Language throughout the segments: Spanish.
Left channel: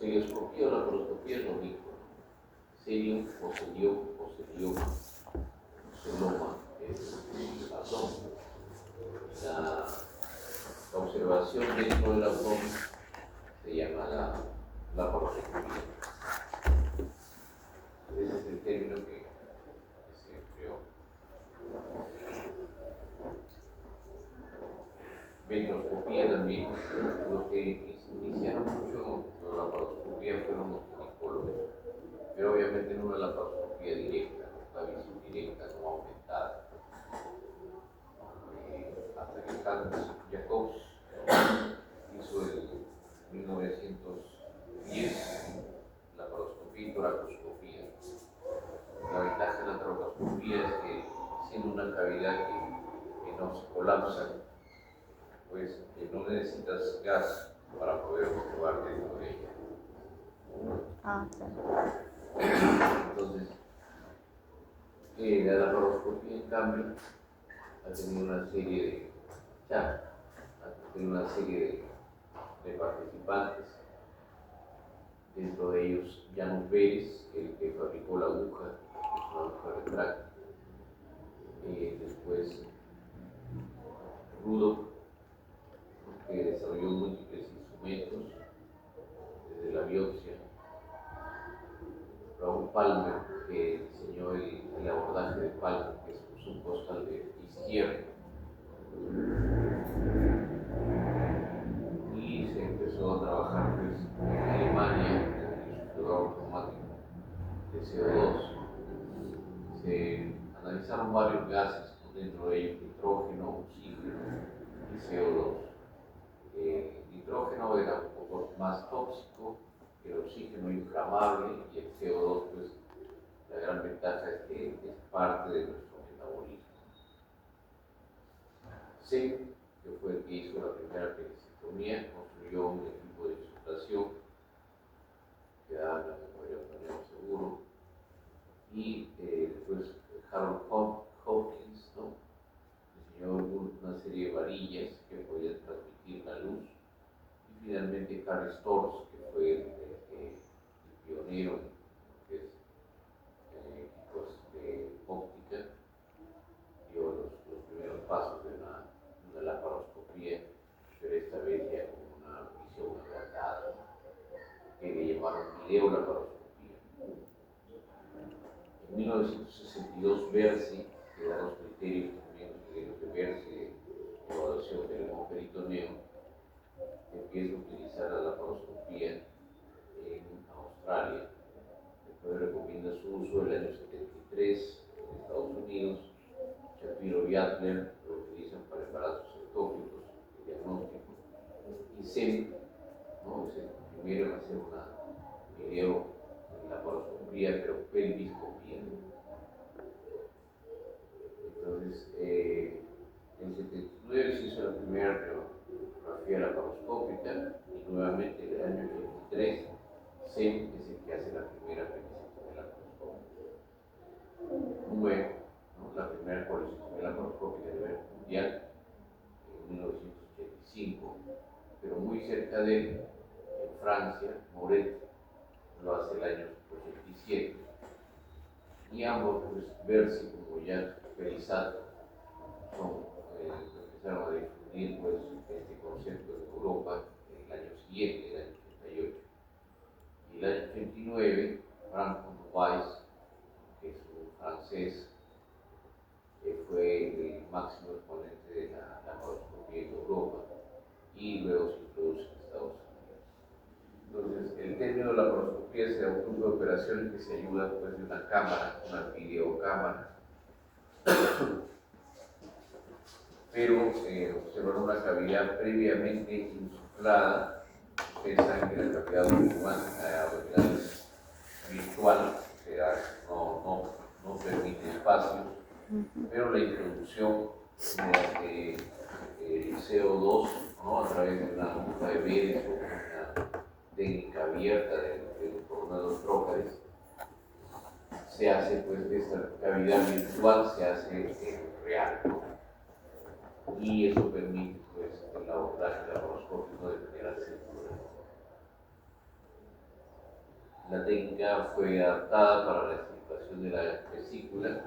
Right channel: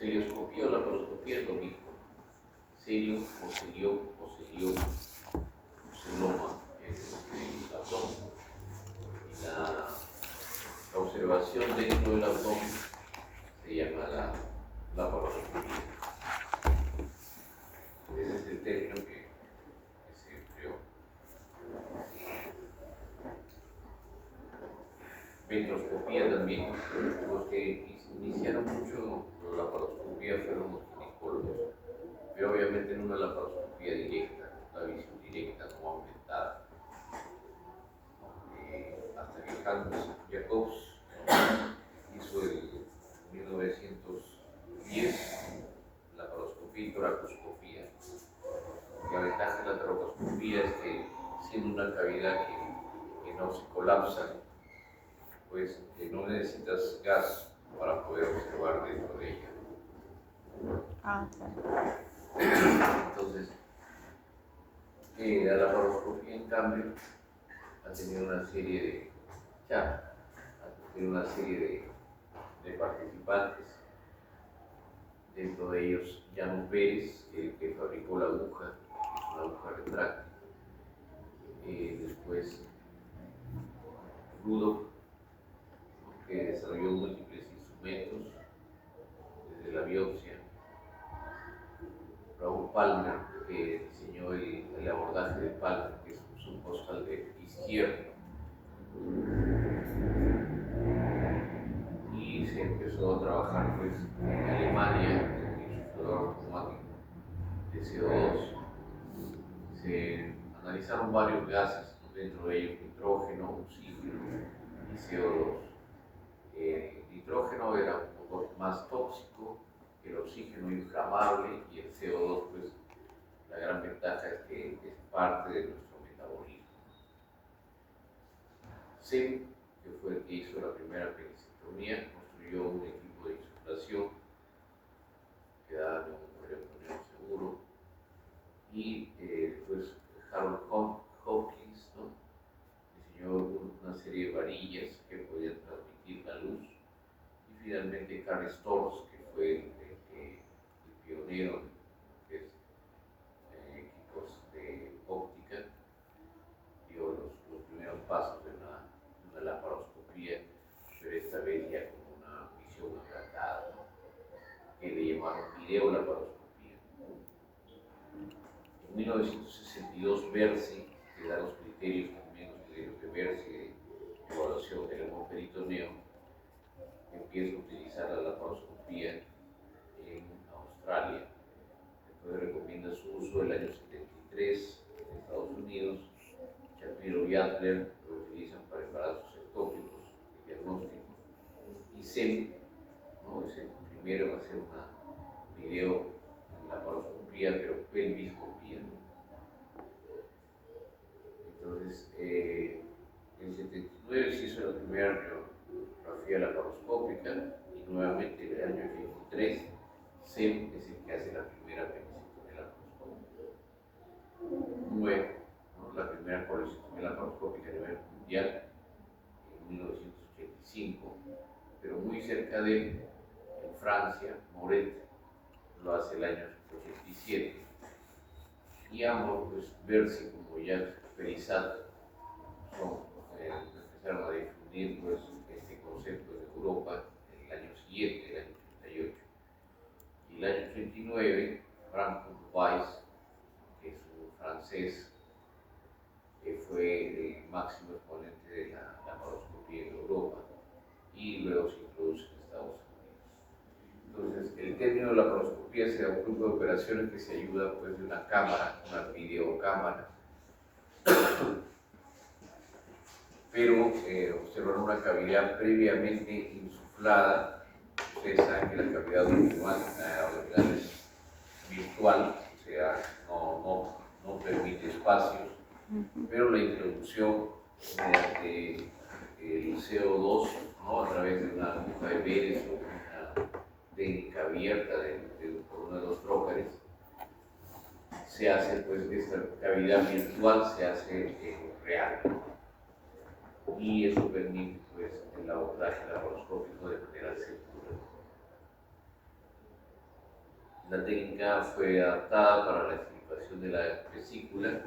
Serioscopía o laparoscopía es lo mismo. Serio o serioma es el abdomen. La observación dentro del abdomen se llama la laparoscopía. Ese es el término que se empleó. Ventroscopía también. Los que iniciaron mucho la laparoscopía fueron los ginecólogos, pero obviamente no una laparoscopía directa, la visión directa no aumentada. Hasta que Hans Jacobs hizo el 1910 laparoscopía y toracoscopía. La ventaja de la toracoscopía es que, siendo una cavidad que no se colapsa, pues no necesitas gas para poder observar dentro de ella. Claro. Entonces, la laparoscopía, en cambio, ha tenido una serie de participantes. Dentro de ellos, Jan Pérez, el que fabricó la aguja, que es una aguja retráctil. Después, Rudolf, que desarrolló múltiples instrumentos, desde la biopsia. Raúl Palmer, que diseñó el abordaje de Palmer, que es un subcostal izquierdo. Y se empezó a trabajar pues, en Alemania con el insuflador automático de CO2. Se analizaron varios gases, dentro de ellos nitrógeno, oxígeno y CO2. El nitrógeno era un poco más tóxico, el oxígeno inflamable y el CO2, pues la gran ventaja es que es parte de nuestro metabolismo. Sem, que fue el que hizo la primera penicectomía, construyó un equipo de insuflación que daba neumonía seguro, y después Harold Hopkins, ¿no? Diseñó una serie de varillas que podían transmitir la luz, y finalmente Carl Storz, que fue el pionero en lo que es equipos de óptica, dio los primeros pasos de una laparoscopía, pero esta vez ya con una visión agrandada, que le llamaron videolaparoscopía. En 1962, Berzi, que da los criterios también de Berzi de evaluación del hemoperitoneo, empieza a utilizar la laparoscopía en Australia. Después recomienda su uso el año 73 en Estados Unidos. Shapiro y Adler lo utilizan para embarazos ectópicos y diagnósticos. Y Sem, ¿no? Es el primero en hacer una video en laparoscopía, pero pelviscopía. Entonces, en 79 se hizo la primera radiografía laparoscópica, y nuevamente en el año 83 Sem es el que hace la primera penicectomía laparoscópica. Luego, ¿no? La primera colecistectomía laparoscópica a nivel mundial en 1985, pero muy cerca de él, en Francia, Moret lo hace el año 87. Y ambos, pues, Berzi como ya Perizat, empezaron a difundir pues, este concepto en Europa en el año siguiente, el año 88. Y el año 89, Frank Weiss, que es un francés, que fue el máximo exponente de la laparoscopía en Europa, y luego se introduce en Estados Unidos. Entonces, el término de laparoscopía será un grupo de operaciones que se ayuda pues, de una cámara, una videocámara, pero observar una cavidad previamente insuflada. Ustedes saben que la cavidad abdominal es virtual, o sea, no permite espacios, pero la introducción mediante el CO2, ¿no? A través de una aguja de Beres o una técnica abierta por uno de los trócares, se hace, pues, esta cavidad virtual se hace real, ¿no? Y eso permite, pues, el abordaje laparoscópico de manera segura. La técnica fue adaptada para la extirpación de la vesícula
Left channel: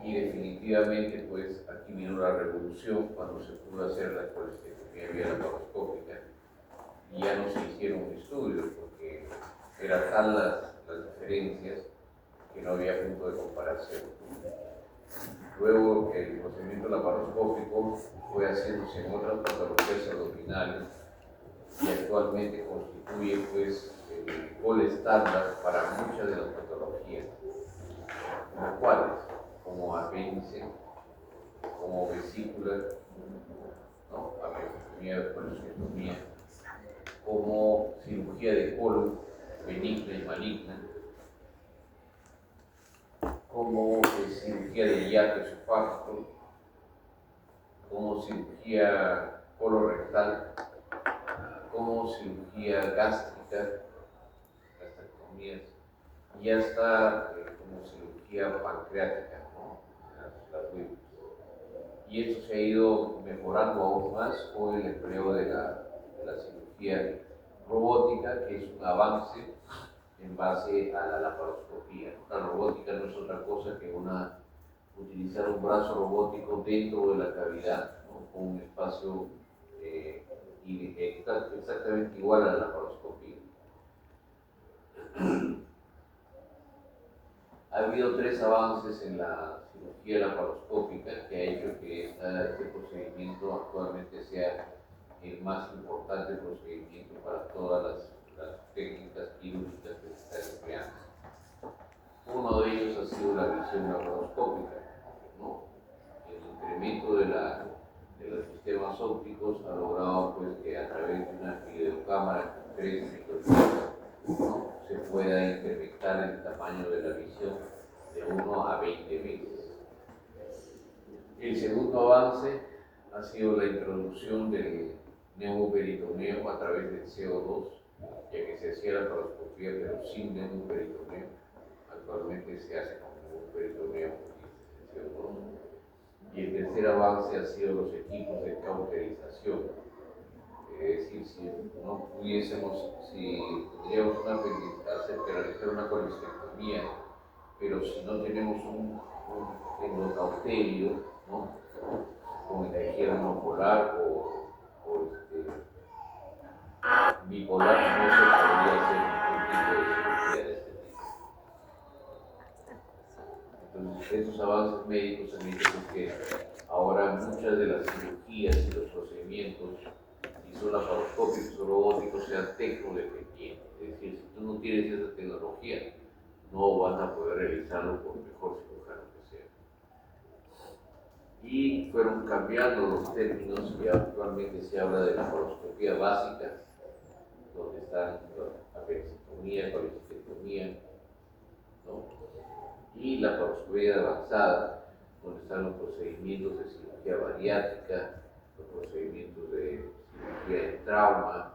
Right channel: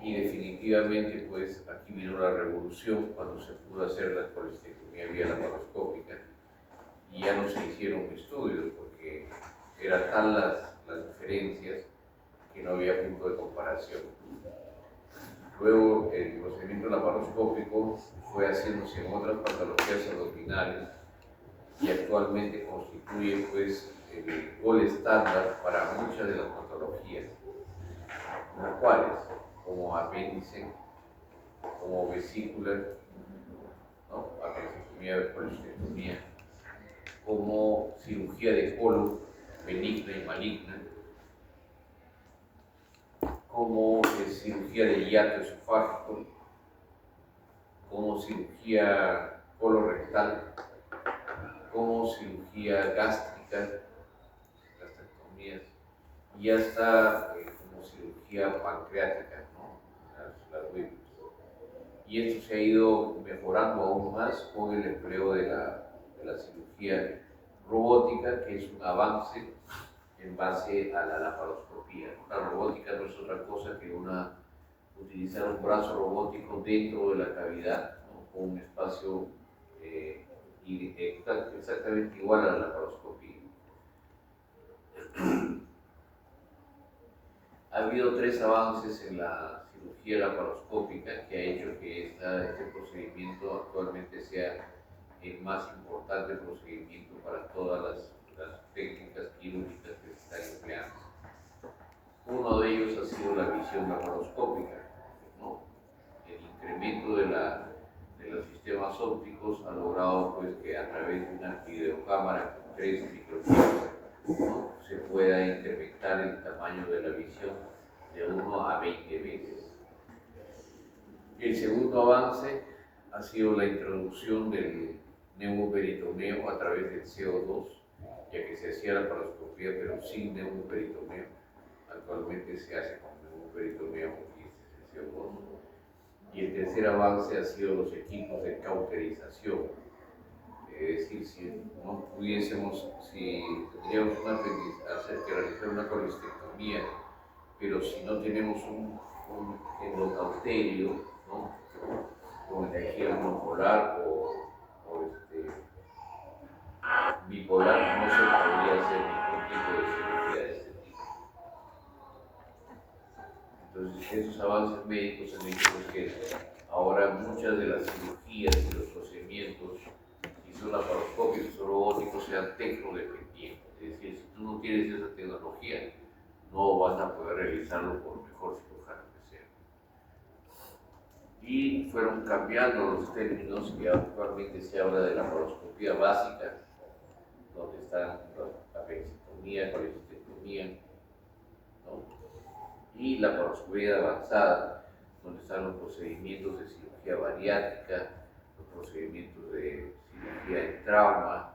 y definitivamente pues aquí vino la revolución cuando se pudo hacer la colestectomía vía laparoscópica y ya no se hicieron estudios porque eran tal las diferencias que no había punto de comparación. Luego el procedimiento laparoscópico fue haciéndose en otras patologías abdominales y actualmente constituye pues el gol estándar para muchas de las patologías, como cuáles, como apéndice, como vesícula, ¿no? Apendicectomía, colestectomía, como cirugía de colon benigna y maligna, como cirugía de hiato esofágico, como cirugía colorectal, como cirugía gástrica, gastrectomías, y hasta como cirugía pancreática, ¿no? Las últimas. Y esto se ha ido mejorando aún más con el empleo de la cirugía robótica, que es un avance en base a la laparoscopía. La robótica no es otra cosa que utilizar un brazo robótico dentro de la cavidad, ¿no? Con un espacio exactamente igual a la laparoscopía. Ha habido 3 avances en la cirugía laparoscópica que ha hecho que este procedimiento actualmente sea el más importante procedimiento para todas las técnicas quirúrgicas que se están empleando. Uno de ellos ha sido la visión laparoscópica, ¿no? El incremento de los sistemas ópticos ha logrado pues, que a través de una videocámara con 3 microchips, ¿no? Se pueda incrementar el tamaño de la visión de 1 a 20 veces. El segundo avance ha sido la introducción del neumoperitoneo a través del CO2, ya que se hacía la laparoscopía pero sin neumoperitoneo. Actualmente se hace con neumoperitoneo y el CO2. Y el tercer avance ha sido los equipos de cauterización. Es decir, si no pudiésemos, si tendríamos que realizar una colestectomía, pero si no tenemos un endocauterio, ¿no? Como energía monopolar o bipolar, no se podría hacer ningún tipo de cirugía de este tipo. Entonces, esos avances médicos han hecho que ahora muchas de las cirugías y los procedimientos, si son laparoscópicos o robóticos, sean tecnodependientes. Es decir, si tú no tienes esa tecnología, no vas a poder realizarlo por mejor cirujano que sea. Y fueron cambiando los términos y actualmente se habla de la laparoscopía básica, donde están la apendicectomía, colestectomía, ¿no? Y la laparoscopía avanzada, donde están los procedimientos de cirugía bariátrica, los procedimientos de cirugía en trauma,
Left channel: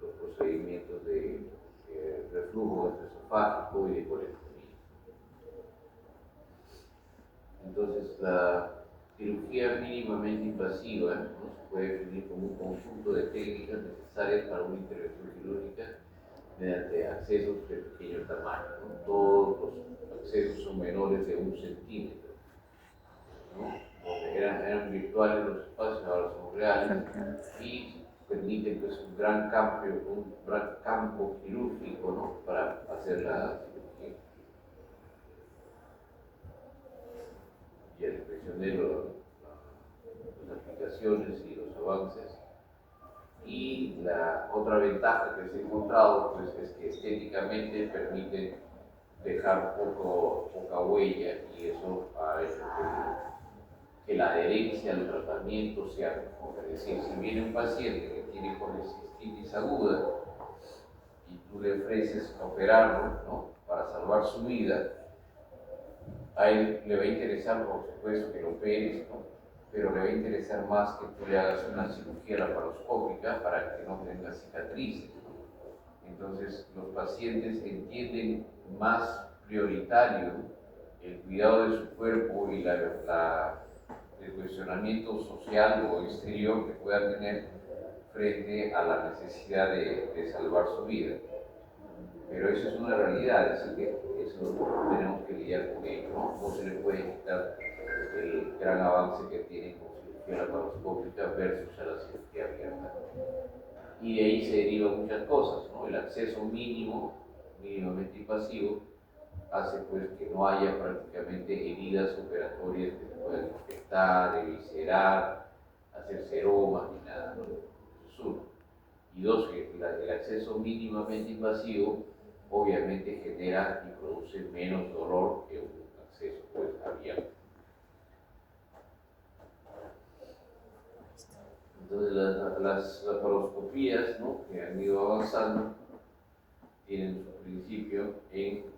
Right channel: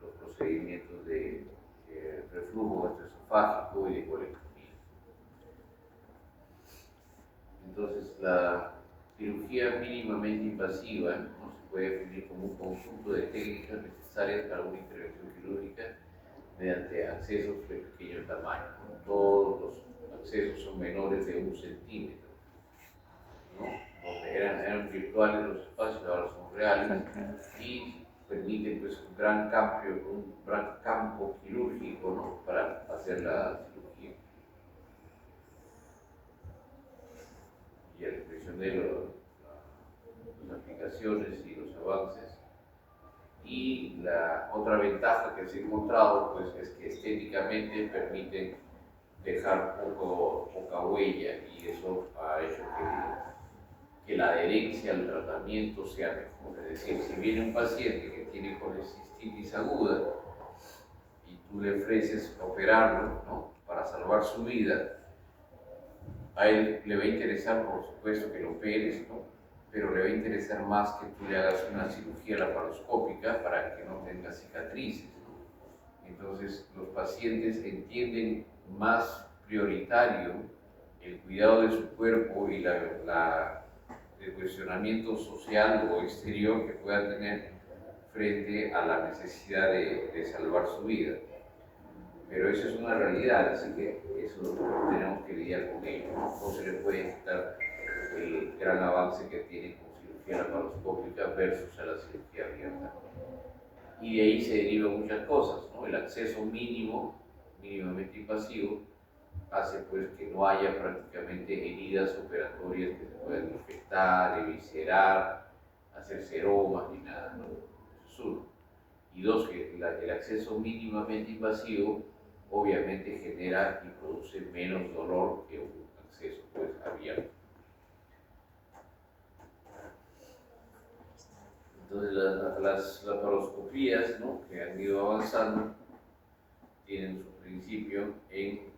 los procedimientos de reflujo gastroesofágico y de colectomía. Entonces, la cirugía mínimamente invasiva, ¿no? Se puede definir como un conjunto de técnicas necesarias para una intervención quirúrgica mediante accesos de pequeño tamaño, ¿no? Todos los accesos son menores de 1 centímetro, ¿no? Donde eran virtuales los espacios, ahora son reales y permiten pues, un gran campo quirúrgico, ¿no? Para hacer la cirugía. Y el prisionero, las aplicaciones y los avances. Y la otra ventaja que se ha encontrado pues, es que estéticamente permite dejar poca huella y eso ha hecho que la adherencia al tratamiento sea mejor. Es decir, si viene un paciente que tiene colecistitis aguda y tú le ofreces operarlo, ¿no? Para salvar su vida, a él le va a interesar, por supuesto, que lo operes, ¿no? Pero le va a interesar más que tú le hagas una cirugía laparoscópica para que no tenga cicatrices, ¿no? Entonces, los pacientes entienden más prioritario el cuidado de su cuerpo y el cuestionamiento social o exterior que pueda tener frente a la necesidad de salvar su vida. pero eso es una realidad, así que eso tenemos que lidiar con ello. No se le puede quitar el gran avance que tiene con cirugía laparoscópica versus a la cirugía abierta. Y de ahí se derivan muchas cosas, ¿no? El acceso mínimamente invasivo, hace pues que no haya prácticamente heridas operatorias que se puedan infectar, eviscerar, hacer seromas ni nada, ¿no? Eso es uno. Y dos, que el acceso mínimamente invasivo obviamente genera y produce menos dolor que un acceso pues abierto. Entonces las laparoscopías, ¿no?, que han ido avanzando tienen su principio en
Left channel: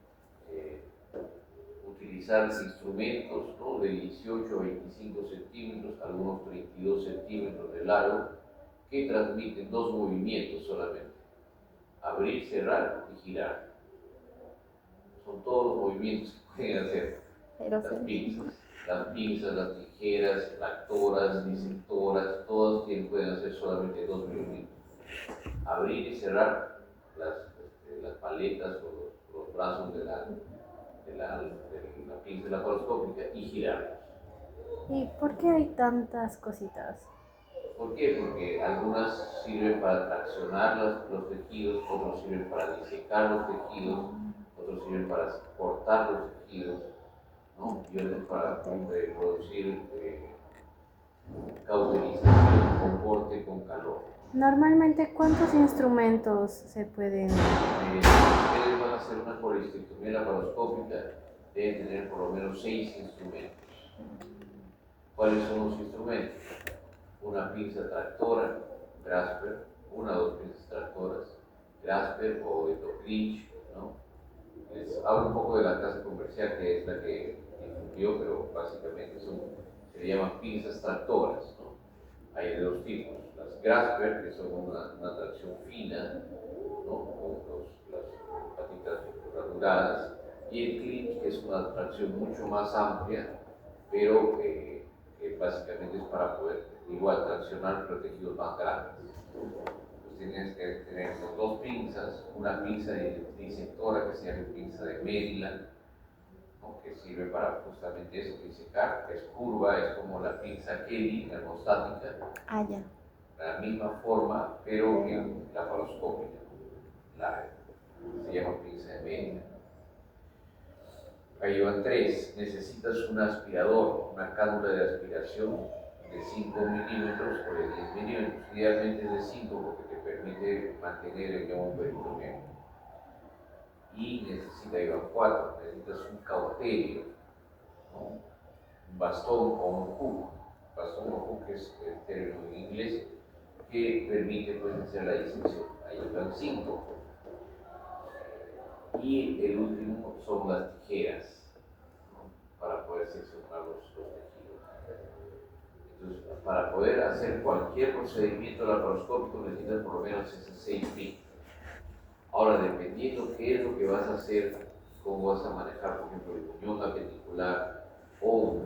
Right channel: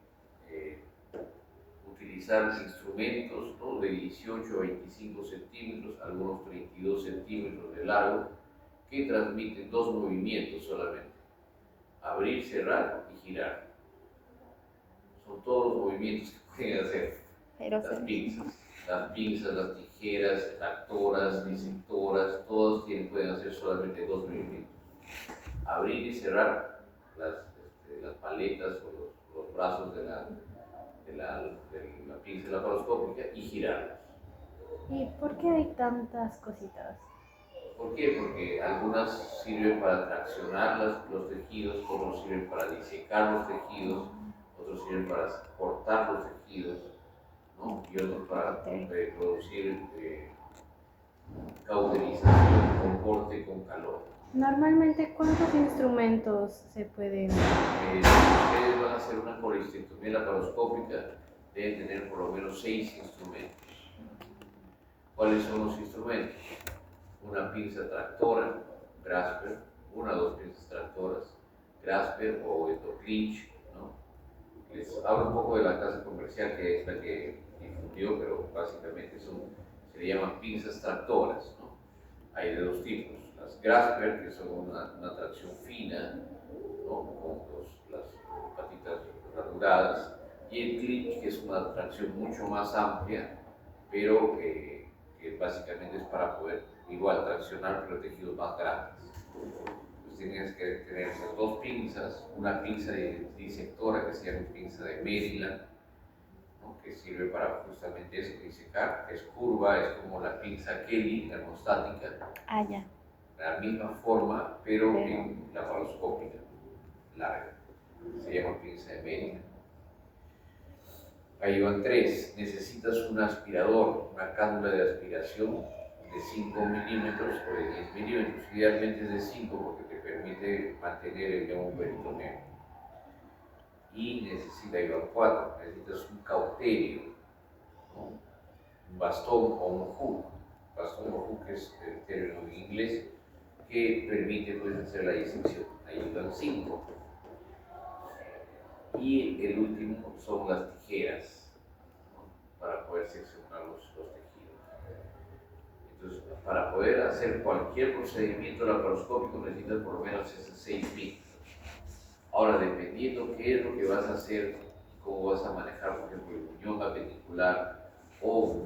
utilizar instrumentos, ¿no?, de 18 a 25 centímetros, algunos 32 centímetros de largo, que transmiten dos movimientos solamente: abrir, cerrar y girar. Son todos los movimientos que pueden hacer las pinzas, las tijeras, tractoras, disectoras, todos pueden hacer solamente dos movimientos: abrir y cerrar las paletas o los brazos de la pinza laparoscópica y girarlos. ¿Y por qué hay tantas cositas? ¿Por qué? Porque algunas sirven para traccionar los tejidos, otros sirven para disecar los tejidos, otros sirven para cortar los tejidos, ¿no?, y otros para producir cauterización o corte con calor. Normalmente, ¿cuántos instrumentos se pueden...? Ustedes van a hacer una colistectomía laparoscópica, deben tener por lo menos 6 instrumentos. ¿Cuáles son los instrumentos? Una pinza tractora, Grasper, una o dos pinzas tractoras, Grasper o Clinch, ¿no? Les hablo un poco de la casa comercial, que es la que difundió, pero básicamente se le llaman pinzas tractoras, ¿no? Hay de dos tipos: las Grasper, que son una tracción fina, ¿no?, con las patitas ranuradas, y el Clinch, que es una tracción mucho más amplia, pero que básicamente es para poder igual traccionar pero tejidos más grandes. Entonces tienes que tener esas dos pinzas, una pinza disectora que se llama pinza de Maryland, ¿no?, que sirve para justamente eso, disecar, es curva, es como la pinza Kelly, la termostática, Ya. la misma forma, pero en laparoscópica, larga, se llama pinza de Maryland. Ahí van tres: necesitas un aspirador, una cánula de aspiración de 5 milímetros o de 10 milímetros, idealmente es de 5 porque te permite mantener el león peritoneo. Y ahí van 4, necesitas un cauterio, ¿no?, un bastón o un hook. Bastón o hook es el término en inglés, que permite pues hacer la disección. Ahí van 5. Y el último son las tijeras, ¿no?, para poder seccionar los tejidos. Entonces, para poder hacer cualquier procedimiento laparoscópico necesitas por lo menos esos 6 pinzas. Ahora, dependiendo qué es lo que vas a hacer, cómo vas a manejar, por ejemplo, el muñón apendicular o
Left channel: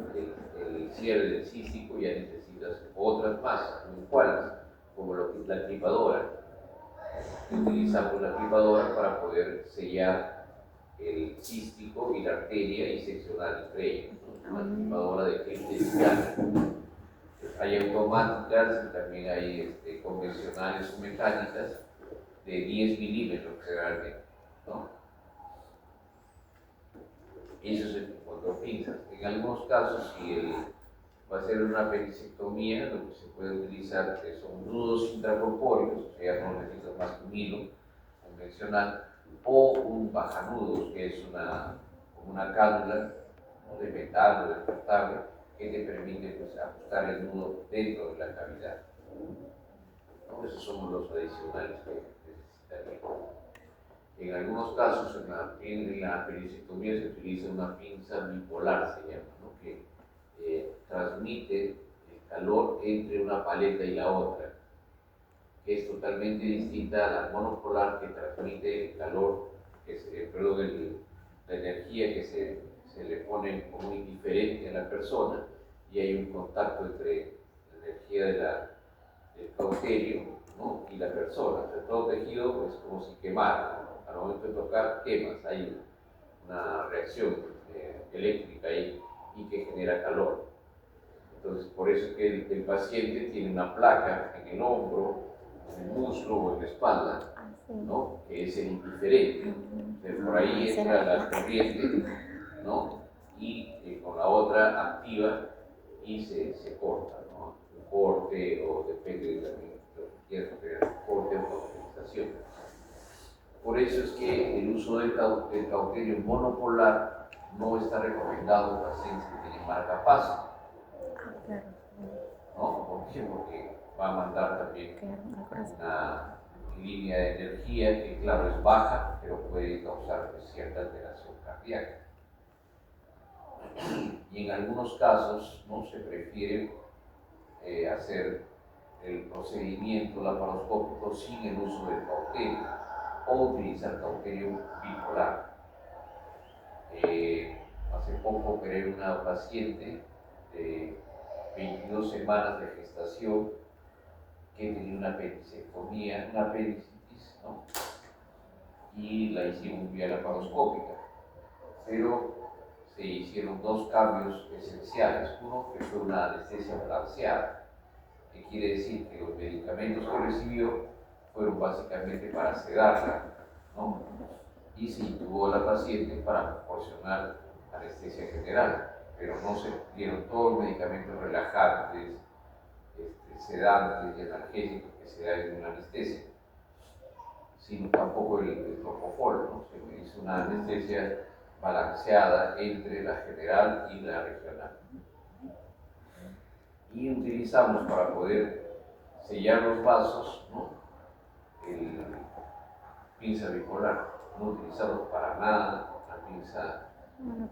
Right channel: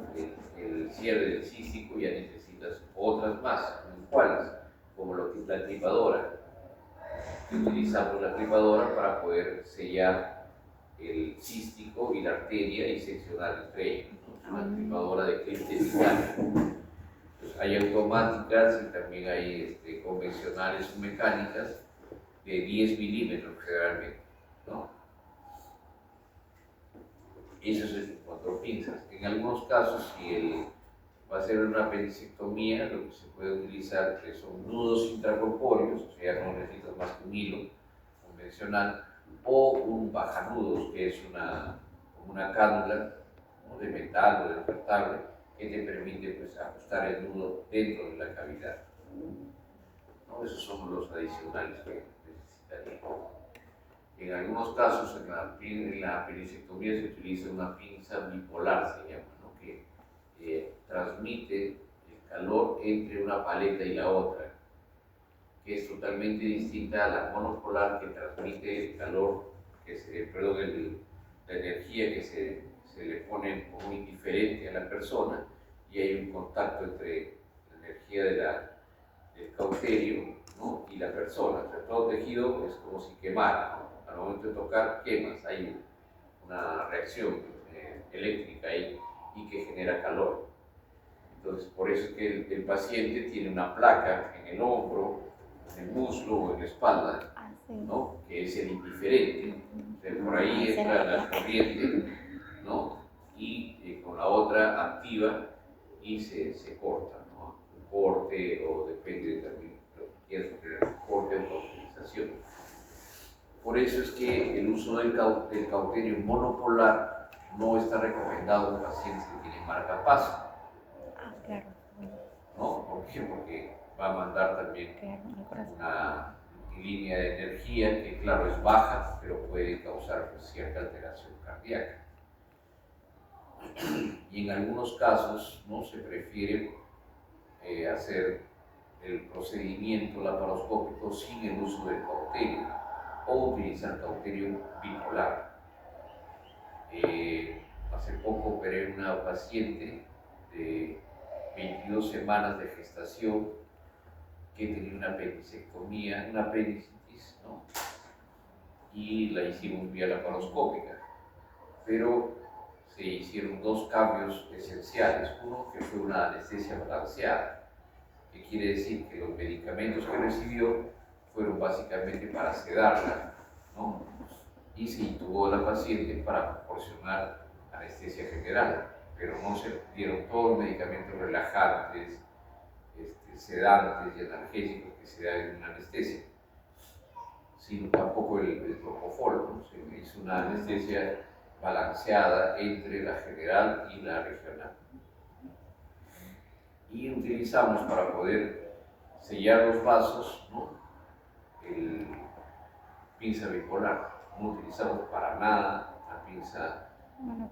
el cierre del cístico, ya necesitas otras más. ¿Cuáles? Como la clipadora. Utilizamos la clipadora para poder sellar el cístico y la arteria y seccionar entre ellos, ¿no? Una clipadora de clip de titanio. Hay automáticas y también hay convencionales o mecánicas de 10 milímetros generalmente, ¿no? Eso es con pinzas. En algunos casos, si va a ser una apendicectomía, lo que se puede utilizar son nudos intracorpóreos, o sea, no necesitas más que un hilo convencional, o un bajanudos, que es una cánula, ¿no?, de metal o descartable, que te permite pues ajustar el nudo dentro de la cavidad, ¿no? Esos son los adicionales que necesitaría. En algunos casos, en la apendicectomía se utiliza una pinza bipolar, se llama, ¿no?, que transmite el calor entre una paleta y la otra, que es totalmente distinta a la monopolar, que transmite el calor, la energía que se le pone como indiferente a la persona, y hay un contacto entre la energía del cauterio, ¿no?, y la persona. O sea, todo tejido es como si quemara, ¿no? al momento de tocar quemas, hay una reacción eléctrica ahí y que genera calor. Entonces, por eso es que el paciente tiene una placa en el hombro, en el muslo o en la espalda, ¿no? Que es el indiferente. Entonces, por ahí entra la corriente, ¿no? Y con la otra activa y se corta, ¿no? Un corte o depende de lo que quieras hacer, corte o cauterización. Por eso es que el uso del cauterio monopolar no está recomendado en pacientes que tienen marcapaso. Claro. ¿No? ¿Por qué? Porque va a mandar también una línea de energía que, claro, es baja, pero puede causar cierta alteración cardíaca. Y en algunos casos, ¿no? Se prefiere hacer el procedimiento laparoscópico sin el uso del cauterio o utilizar cauterio bipolar. Hace poco operé una paciente de 22 semanas de gestación que tenía una apendicectomía, una apendicitis, ¿no? Y la hicimos vía laparoscópica, pero se hicieron dos cambios esenciales. Uno, que fue una anestesia balanceada, que quiere decir que los medicamentos que recibió fueron básicamente para sedarla, ¿no? Y se intubó a la paciente para proporcionar anestesia general, pero no se dieron todos los medicamentos relajantes, sedantes y analgésicos que se dan en una anestesia, sino tampoco el propofol, ¿no? Se hizo una anestesia balanceada entre la general y la regional. Y utilizamos para poder sellar los vasos, ¿no? El pinza bipolar. No utilizamos para nada la pinza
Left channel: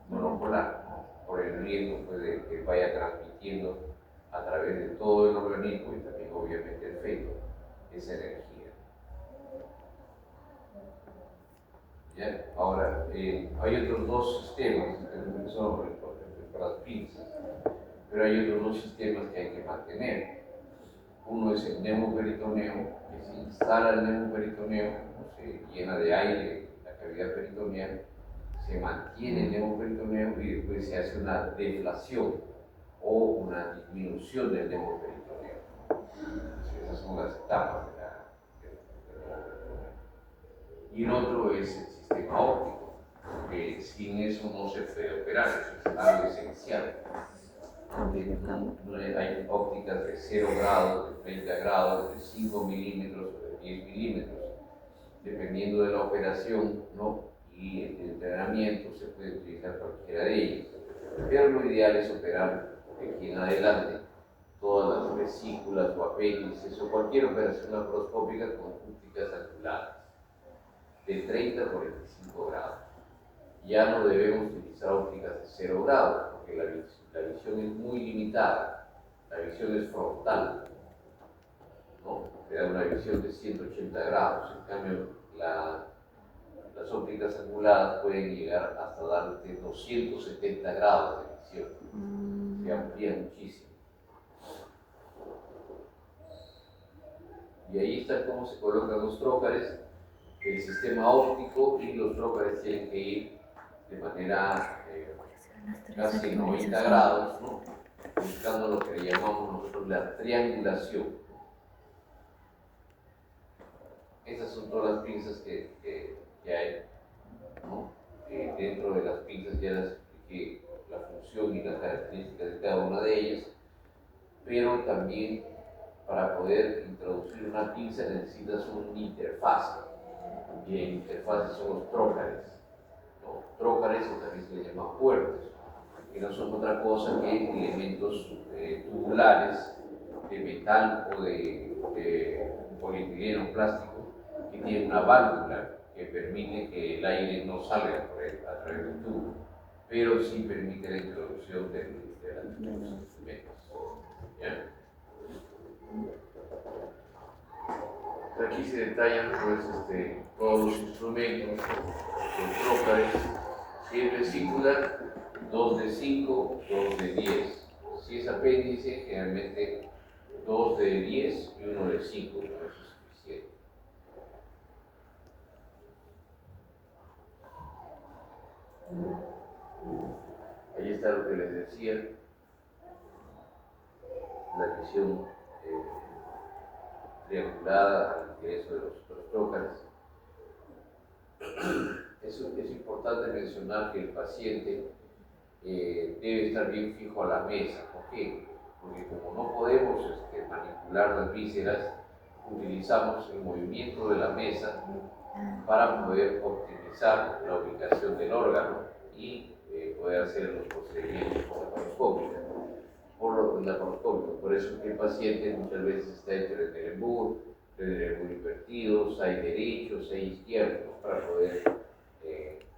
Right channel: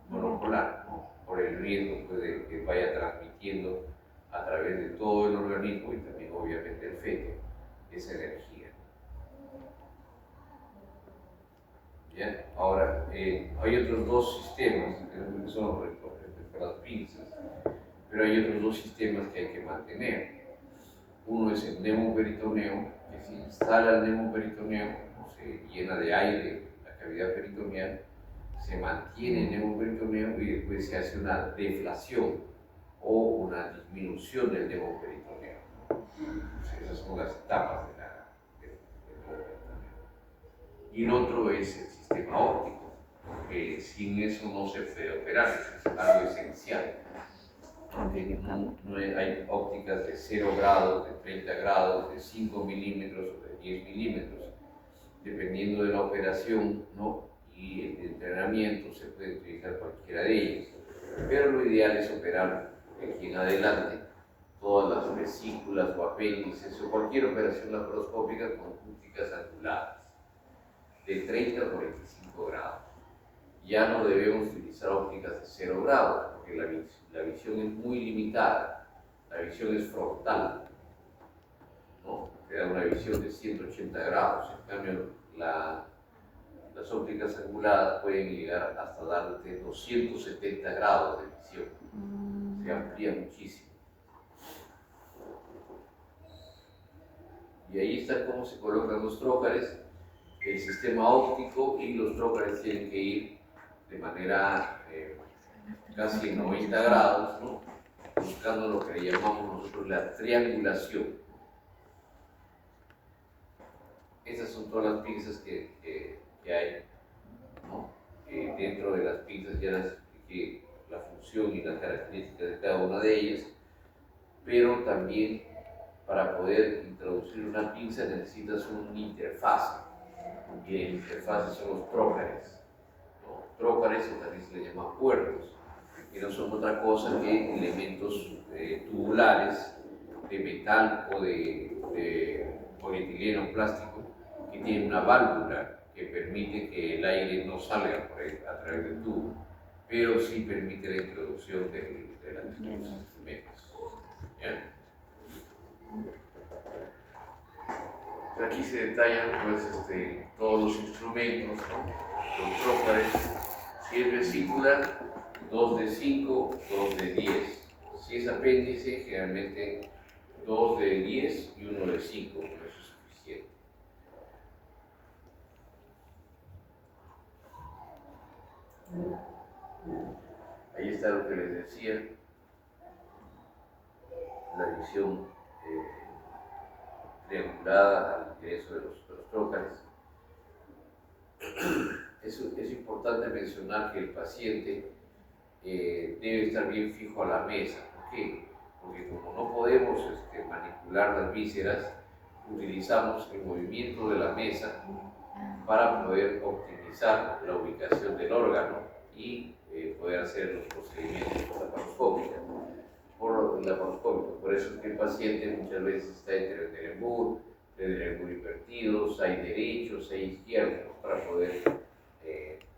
monopolar, ¿no? Por el riesgo pues, de que vaya transmitiendo a través de todo el organismo y también obviamente el feto esa energía. ¿Ya? Ahora, hay otros dos sistemas que son para las pinzas, pero hay otros dos sistemas que hay que mantener. Uno es el neumoperitoneo, que se instala el neumoperitoneo, ¿no? Se llena de aire la cavidad peritoneal, se mantiene el neumoperitoneo y después se hace una deflación o una disminución del neumoperitoneo. Entonces, esas son las etapas del neumoperitoneo. Y el otro es el sistema óptico, que sin eso no se puede operar, es algo esencial. Hay ópticas de 0 grados, de 30 grados, de 5 milímetros o de 10 milímetros. Dependiendo de la operación, ¿no? Y el entrenamiento, se puede utilizar cualquiera de ellas. Pero lo ideal es operar de aquí en adelante todas las vesículas o apéndices o cualquier operación laparoscópica con ópticas angulares de 30 a 45 grados. Ya no debemos utilizar ópticas de 0 grados, porque la visión es muy limitada, la visión es frontal, ¿no? Te da una visión de 180 grados, en cambio las ópticas anguladas pueden llegar hasta darte 270 grados de visión, se amplía muchísimo. Y ahí está cómo se colocan los trócares, el sistema óptico, y los trócares tienen que ir de manera casi 90 grados, ¿no? Buscando lo que le llamamos nosotros la triangulación. Esas son todas las pinzas que hay, ¿no? Dentro de las pinzas ya les expliqué la función y las características de cada una de ellas, pero también para poder introducir una pinza necesitas una interfase, y la interfase son los trócares. Los trócares también se les llama puertos, que no son otra cosa que elementos tubulares de metal o de polietileno plástico que tienen una válvula que permite que el aire no salga a través del tubo, pero sí permite la introducción de los instrumentos. ¿Ya? Aquí se detallan pues, todos los instrumentos, los trócares. Si es vesícula, 2 de 5, 2 de 10. Si es apéndice, generalmente 2 de 10 y 1 de 5, eso es suficiente. Ahí está lo que les decía, la visión triangulada al ingreso de los trócares. Es importante mencionar que el paciente debe estar bien fijo a la mesa. ¿Por qué? Porque como no podemos manipular las vísceras, utilizamos el movimiento de la mesa para poder optimizar la ubicación del órgano y poder hacer los procedimientos laparoscópicos. Por eso es que el paciente muchas veces está entre el embur invertidos, hay derechos, hay izquierdos, para poder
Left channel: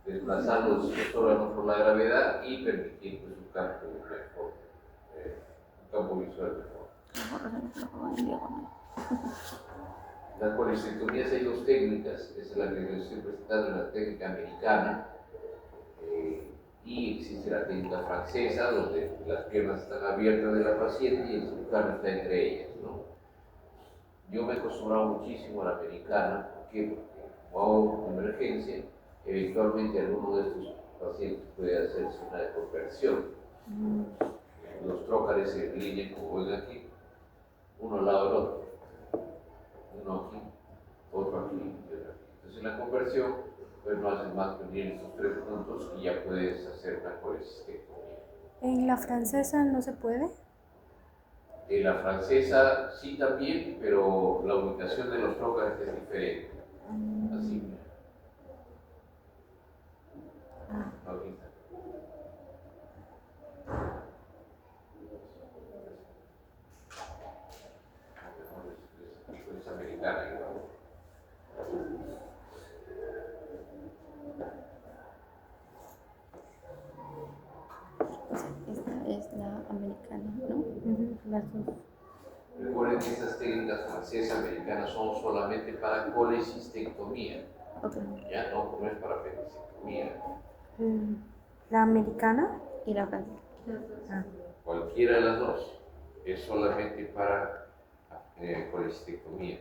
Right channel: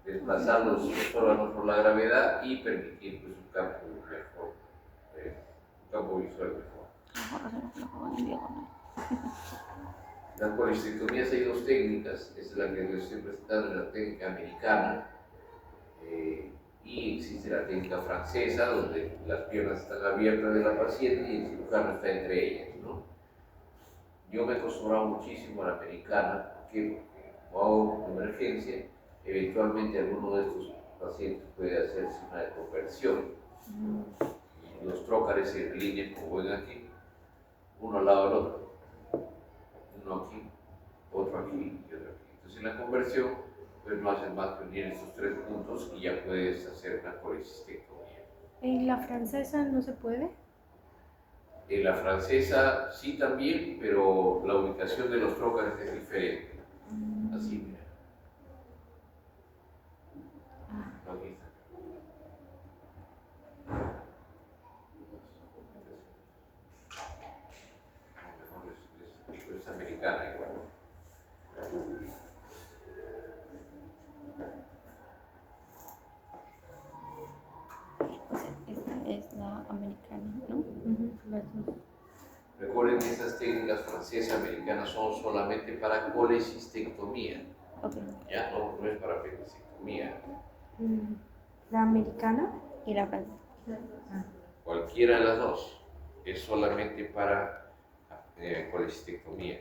desplazar los órganos por la gravedad y permitir pues, un campo mejor, un campo visual mejor. Las policistectomías hay dos técnicas, esa es la que les estoy presentando, la técnica americana, y existe la técnica francesa, donde las piernas están abiertas de la paciente y el cirujano está entre ellas, ¿no? Yo me he acostumbrado muchísimo a la americana, porque como hago emergencia, eventualmente alguno de estos pacientes puede hacerse una desconversión. Los trócares se alinean, como ven aquí, uno al lado del otro. Uno aquí, otro aquí y otro aquí. Entonces en la conversión, pues no haces más que unir estos tres puntos y ya puedes hacer una colecistectomía. ¿En la francesa no se puede? En la francesa sí también, pero la ubicación de los trócares es diferente. Así, mira. Aquí está. Es americana igual. Esta es la americana, ¿no? Las dos. Recuerden que estas técnicas francesas americanas son solamente para colecistectomía. Okay. Ya no es para apendicectomía. ¿La americana? Y la francesa. Cualquiera de las dos es solamente para colecistectomía.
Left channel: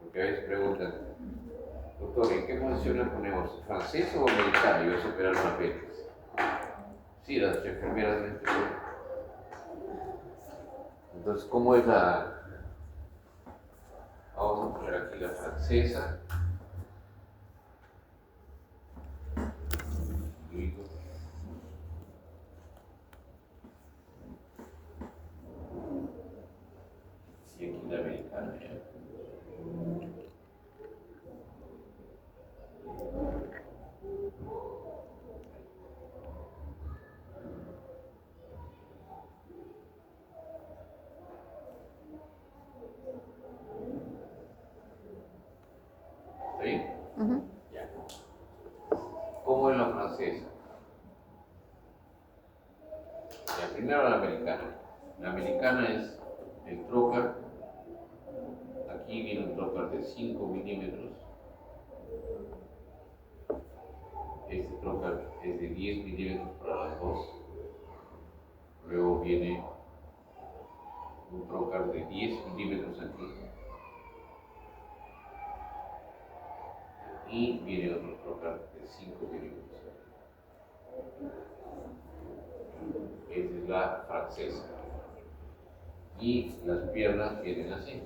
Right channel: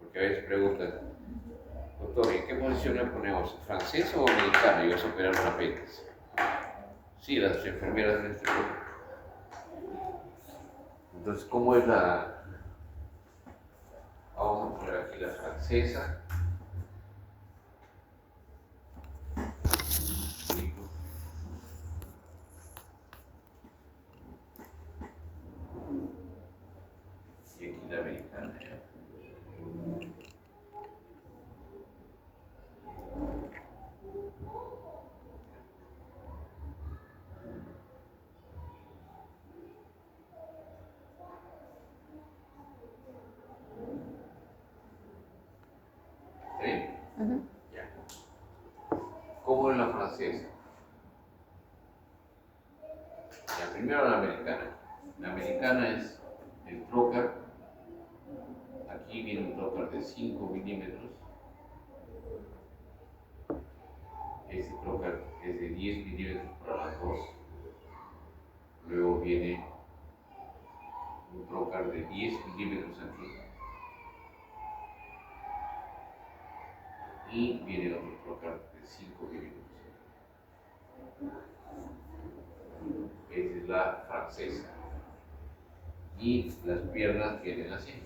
Porque a veces preguntan, doctor, ¿en qué posición le ponemos? ¿Francesa o americana? Y vas a operar un apéndice. Sí, las enfermeras en este momento. Entonces, ¿cómo es la...? Vamos a poner aquí la francesa. Listo. Y aquí la americana. ¿Ya? ¿Está bien? Ya. ¿Cómo es la francesa? La primera la americana. La americana es el trócar. Aquí viene un trócar de 5 milímetros. Este trócar es de 10 milímetros para las dos. Luego viene un trócar de 10 milímetros aquí. Y viene otro trócar de 5 milímetros. Esa es la francesa. Y las piernas vienen así.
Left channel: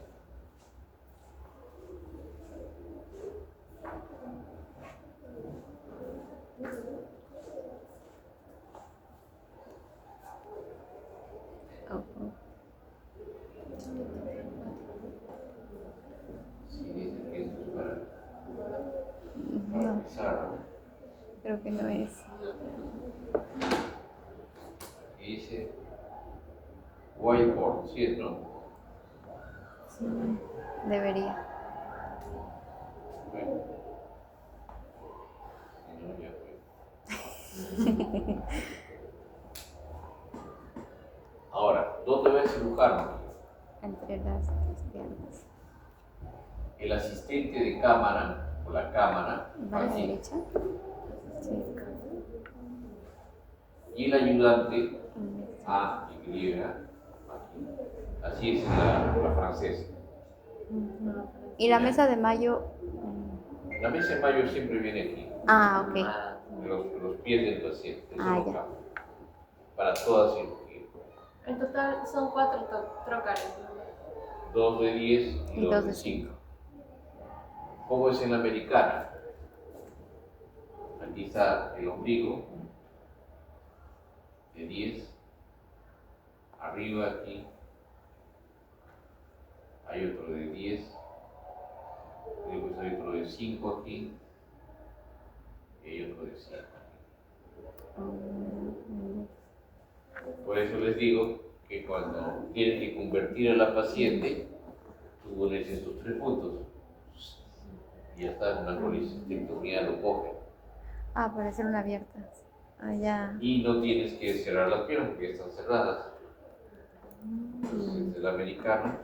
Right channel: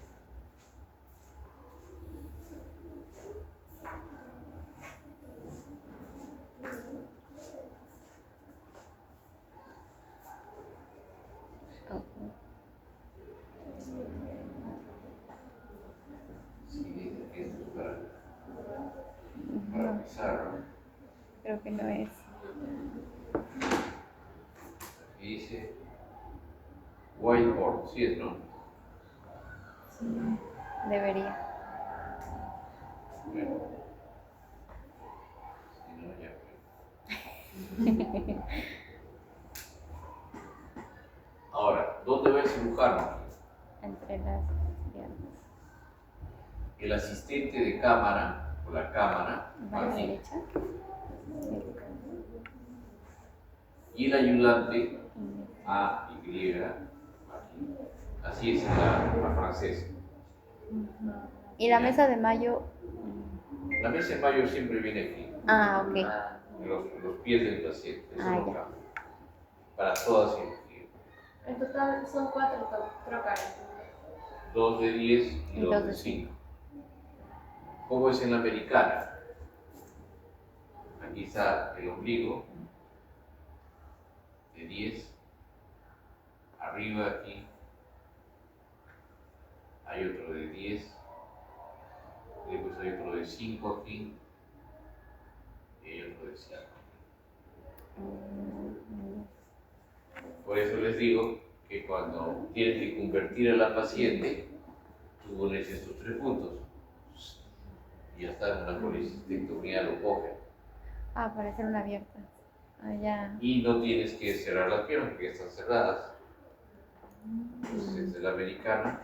Sí, dicen que esto es para pisar, ¿no? Creo que no es. Y dice whiteboard, ¿sí es, no? Sí, debería. Bueno, si no, ya fue. Ahora, ¿dónde va el cirujano? Entre las piernas. El asistente de cámara, o la cámara, ¿Va a la aquí. derecha? Sí. Y el ayudante, A, Y, aquí. Así es en la francesa. Y la mesa de mayo. La mesa de mayo siempre viene aquí. Ah, ok. los pies del paciente, eso Ah, no ya. cambia. Para toda cirugía. En total son 4 trocares. 2 de 10 y Y 2 dos de de 5. ¿Cómo es en la americana? Aquí está el ombligo de 10. Arriba aquí hay otro de 10. Después hay otro de 5 aquí. Y hay otro de 5. Por eso les digo que cuando tienen que convertir a la paciente, tú pones estos 3 puntos. Y ya está, una colecistectomía lo coge. Ah, por eso una abierta. Ah, ya. Y no tienes que cerrar las piernas porque están cerradas. Entonces, esta es la americana.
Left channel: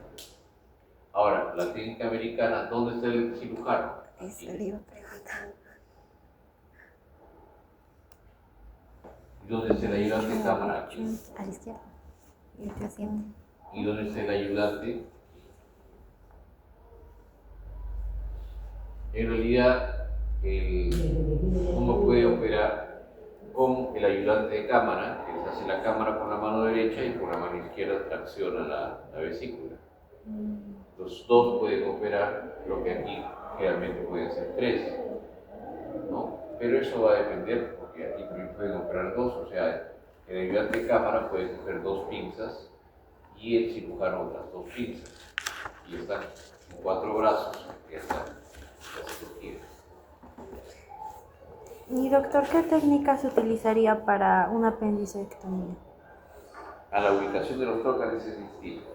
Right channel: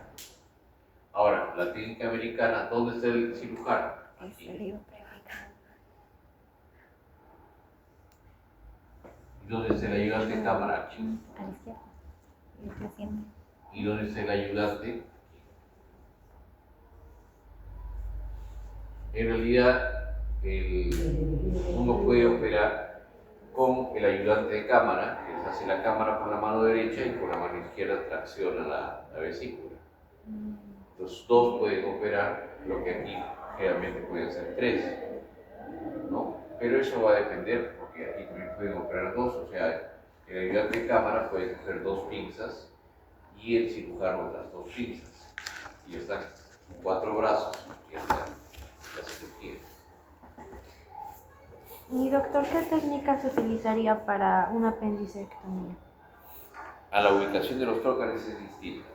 Ahora, la técnica americana, ¿dónde está el cirujano? Eso Aquí. le iba a preguntar. ¿Y dónde está el ayudante de cámara? Aquí. A la izquierda. Y el paciente. ¿Y dónde está el ayudante? En realidad, uno puede operar con el ayudante de cámara, que hace la cámara con la mano derecha y con la mano izquierda tracciona la vesícula. Los dos pueden operar, lo que aquí generalmente pueden ser 3, ¿no? Pero eso va a depender, porque aquí también pueden operar 2, o sea, el ayudante de cámara puede coger 2 pinzas y el cirujano otras 2 pinzas. Y están 4 brazos, que es la cirugía. Y doctor, ¿qué técnica se utilizaría para una apendicectomía? A la ubicación de los trócares es distinto.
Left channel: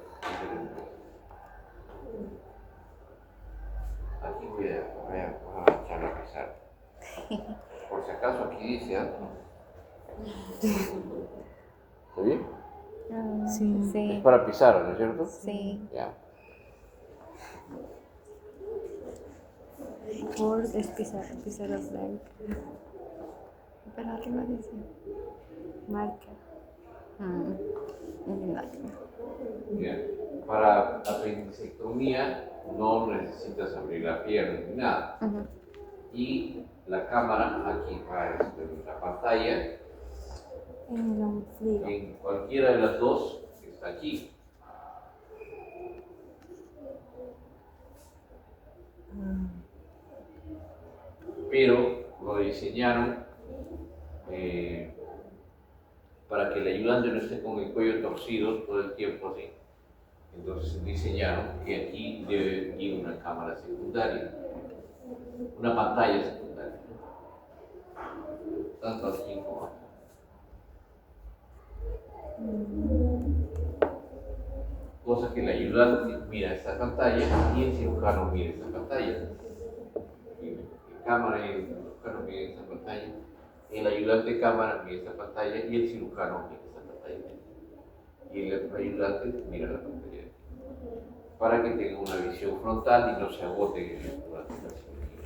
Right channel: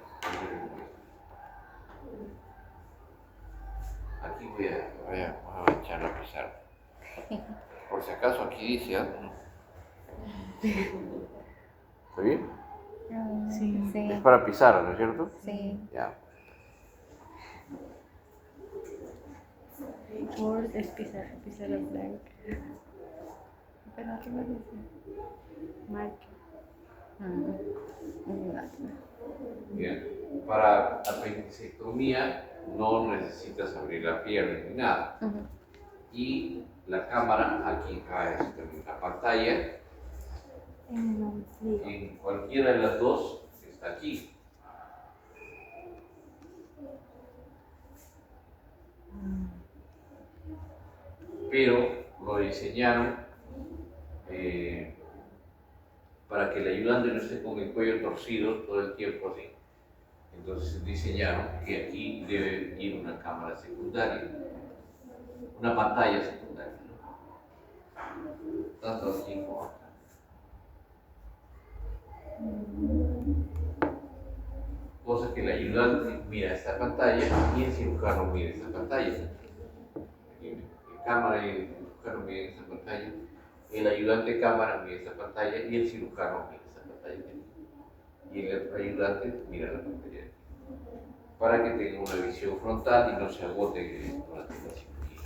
Aquí voy a echar a pisar. Por si acaso aquí dice, ¿está bien? Sí. Es para pisar, ¿no es cierto? Sí. Ya. Por pisar las blancas. Pero arriba dice. Marca. Bien. Para apendicectomía no necesitas abrir la pierna ni nada. Y la cámara aquí en la pantalla, en cualquiera de las dos está aquí. Pero lo diseñaron para que el ayudante no esté con el cuello torcido todo el tiempo así. Entonces diseñaron que aquí debe ir una cámara secundaria, una pantalla secundaria, tanto aquí como acá. Cosa que el ayudante mira esta pantalla y el cirujano mira esta pantalla. Aquí la cámara y el cirujano miran esta pantalla, el ayudante de cámara mira esta pantalla y el cirujano mira esta pantalla. Y el ayudante mira la pantalla para que tenga una visión frontal y no se agote durante la cirugía.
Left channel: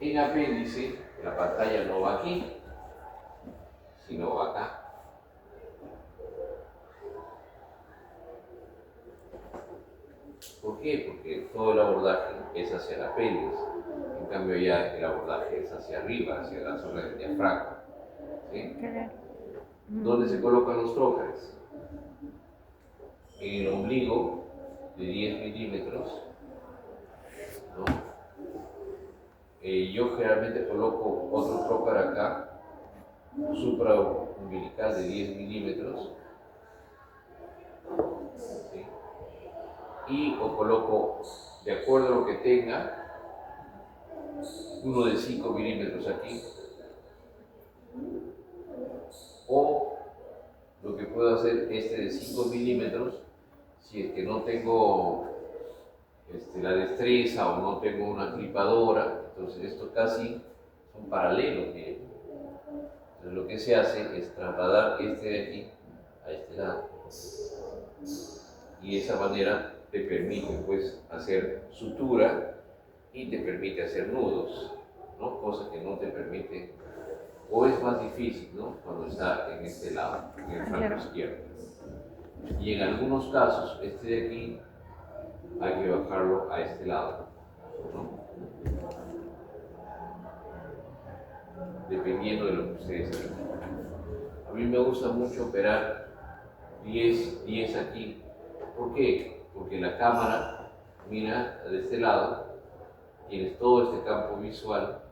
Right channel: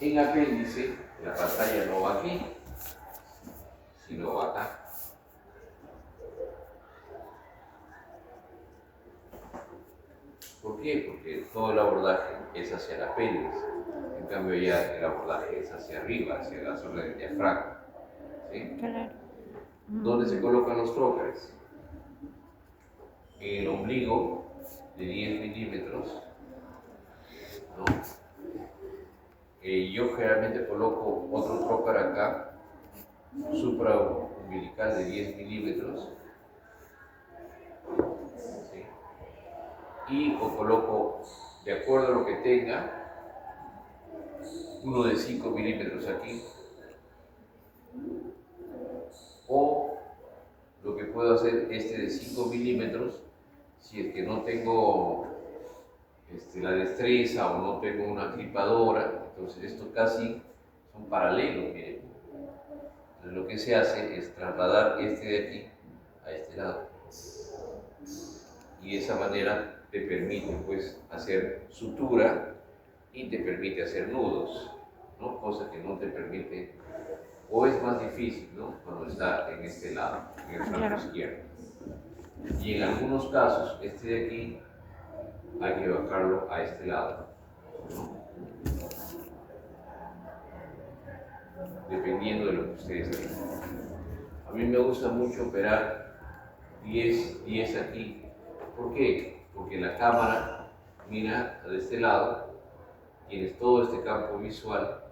En apéndice, la pantalla no va aquí, sino va acá. ¿Por qué? Porque todo el abordaje es hacia el apéndice. En cambio ya el abordaje es hacia arriba, hacia la zona del diafragma. ¿Sí? Claro. ¿Dónde se colocan los trócares? En el ombligo de 10 milímetros. ¿No? Yo generalmente coloco otro trócar acá, supraumbilical de 10 milímetros. ¿Sí? Y o coloco, de acuerdo a lo que tenga, uno de 5 milímetros aquí, o lo que puedo hacer este de 5 milímetros, si es que no tengo la destreza o no tengo una clipadora, entonces estos casi son paralelos, miren. Entonces lo que se hace es trasladar este de aquí a este lado. Y de esa manera te permite pues hacer sutura y te permite hacer nudos, ¿no? Cosa que no te permite, o es más difícil, ¿no? Cuando está en este lado, en el flanco izquierdo. Y en algunos casos, este de aquí hay que bajarlo a este lado, ¿no? dependiendo de lo que ustedes quieran. A mí me gusta mucho operar 10 aquí. ¿Por qué? Porque la cámara mira de este lado, tienes todo este campo visual,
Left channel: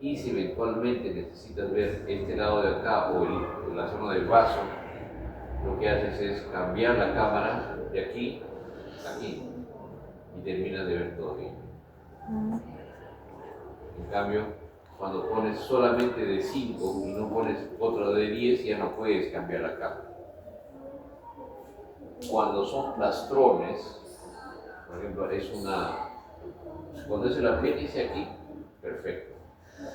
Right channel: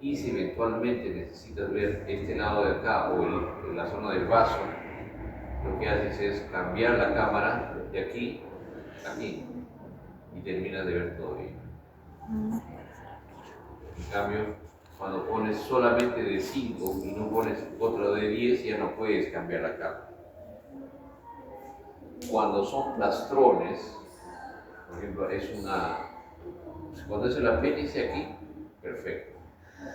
y si eventualmente necesitas ver este lado de acá o la zona del vaso, lo que haces es cambiar la cámara de aquí a aquí y terminas de ver todo bien. En cambio, cuando pones solamente de 5 y no pones otro de 10, ya no puedes cambiar la cámara. Cuando son plastrones, por ejemplo, cuando es el apéndice aquí, perfecto.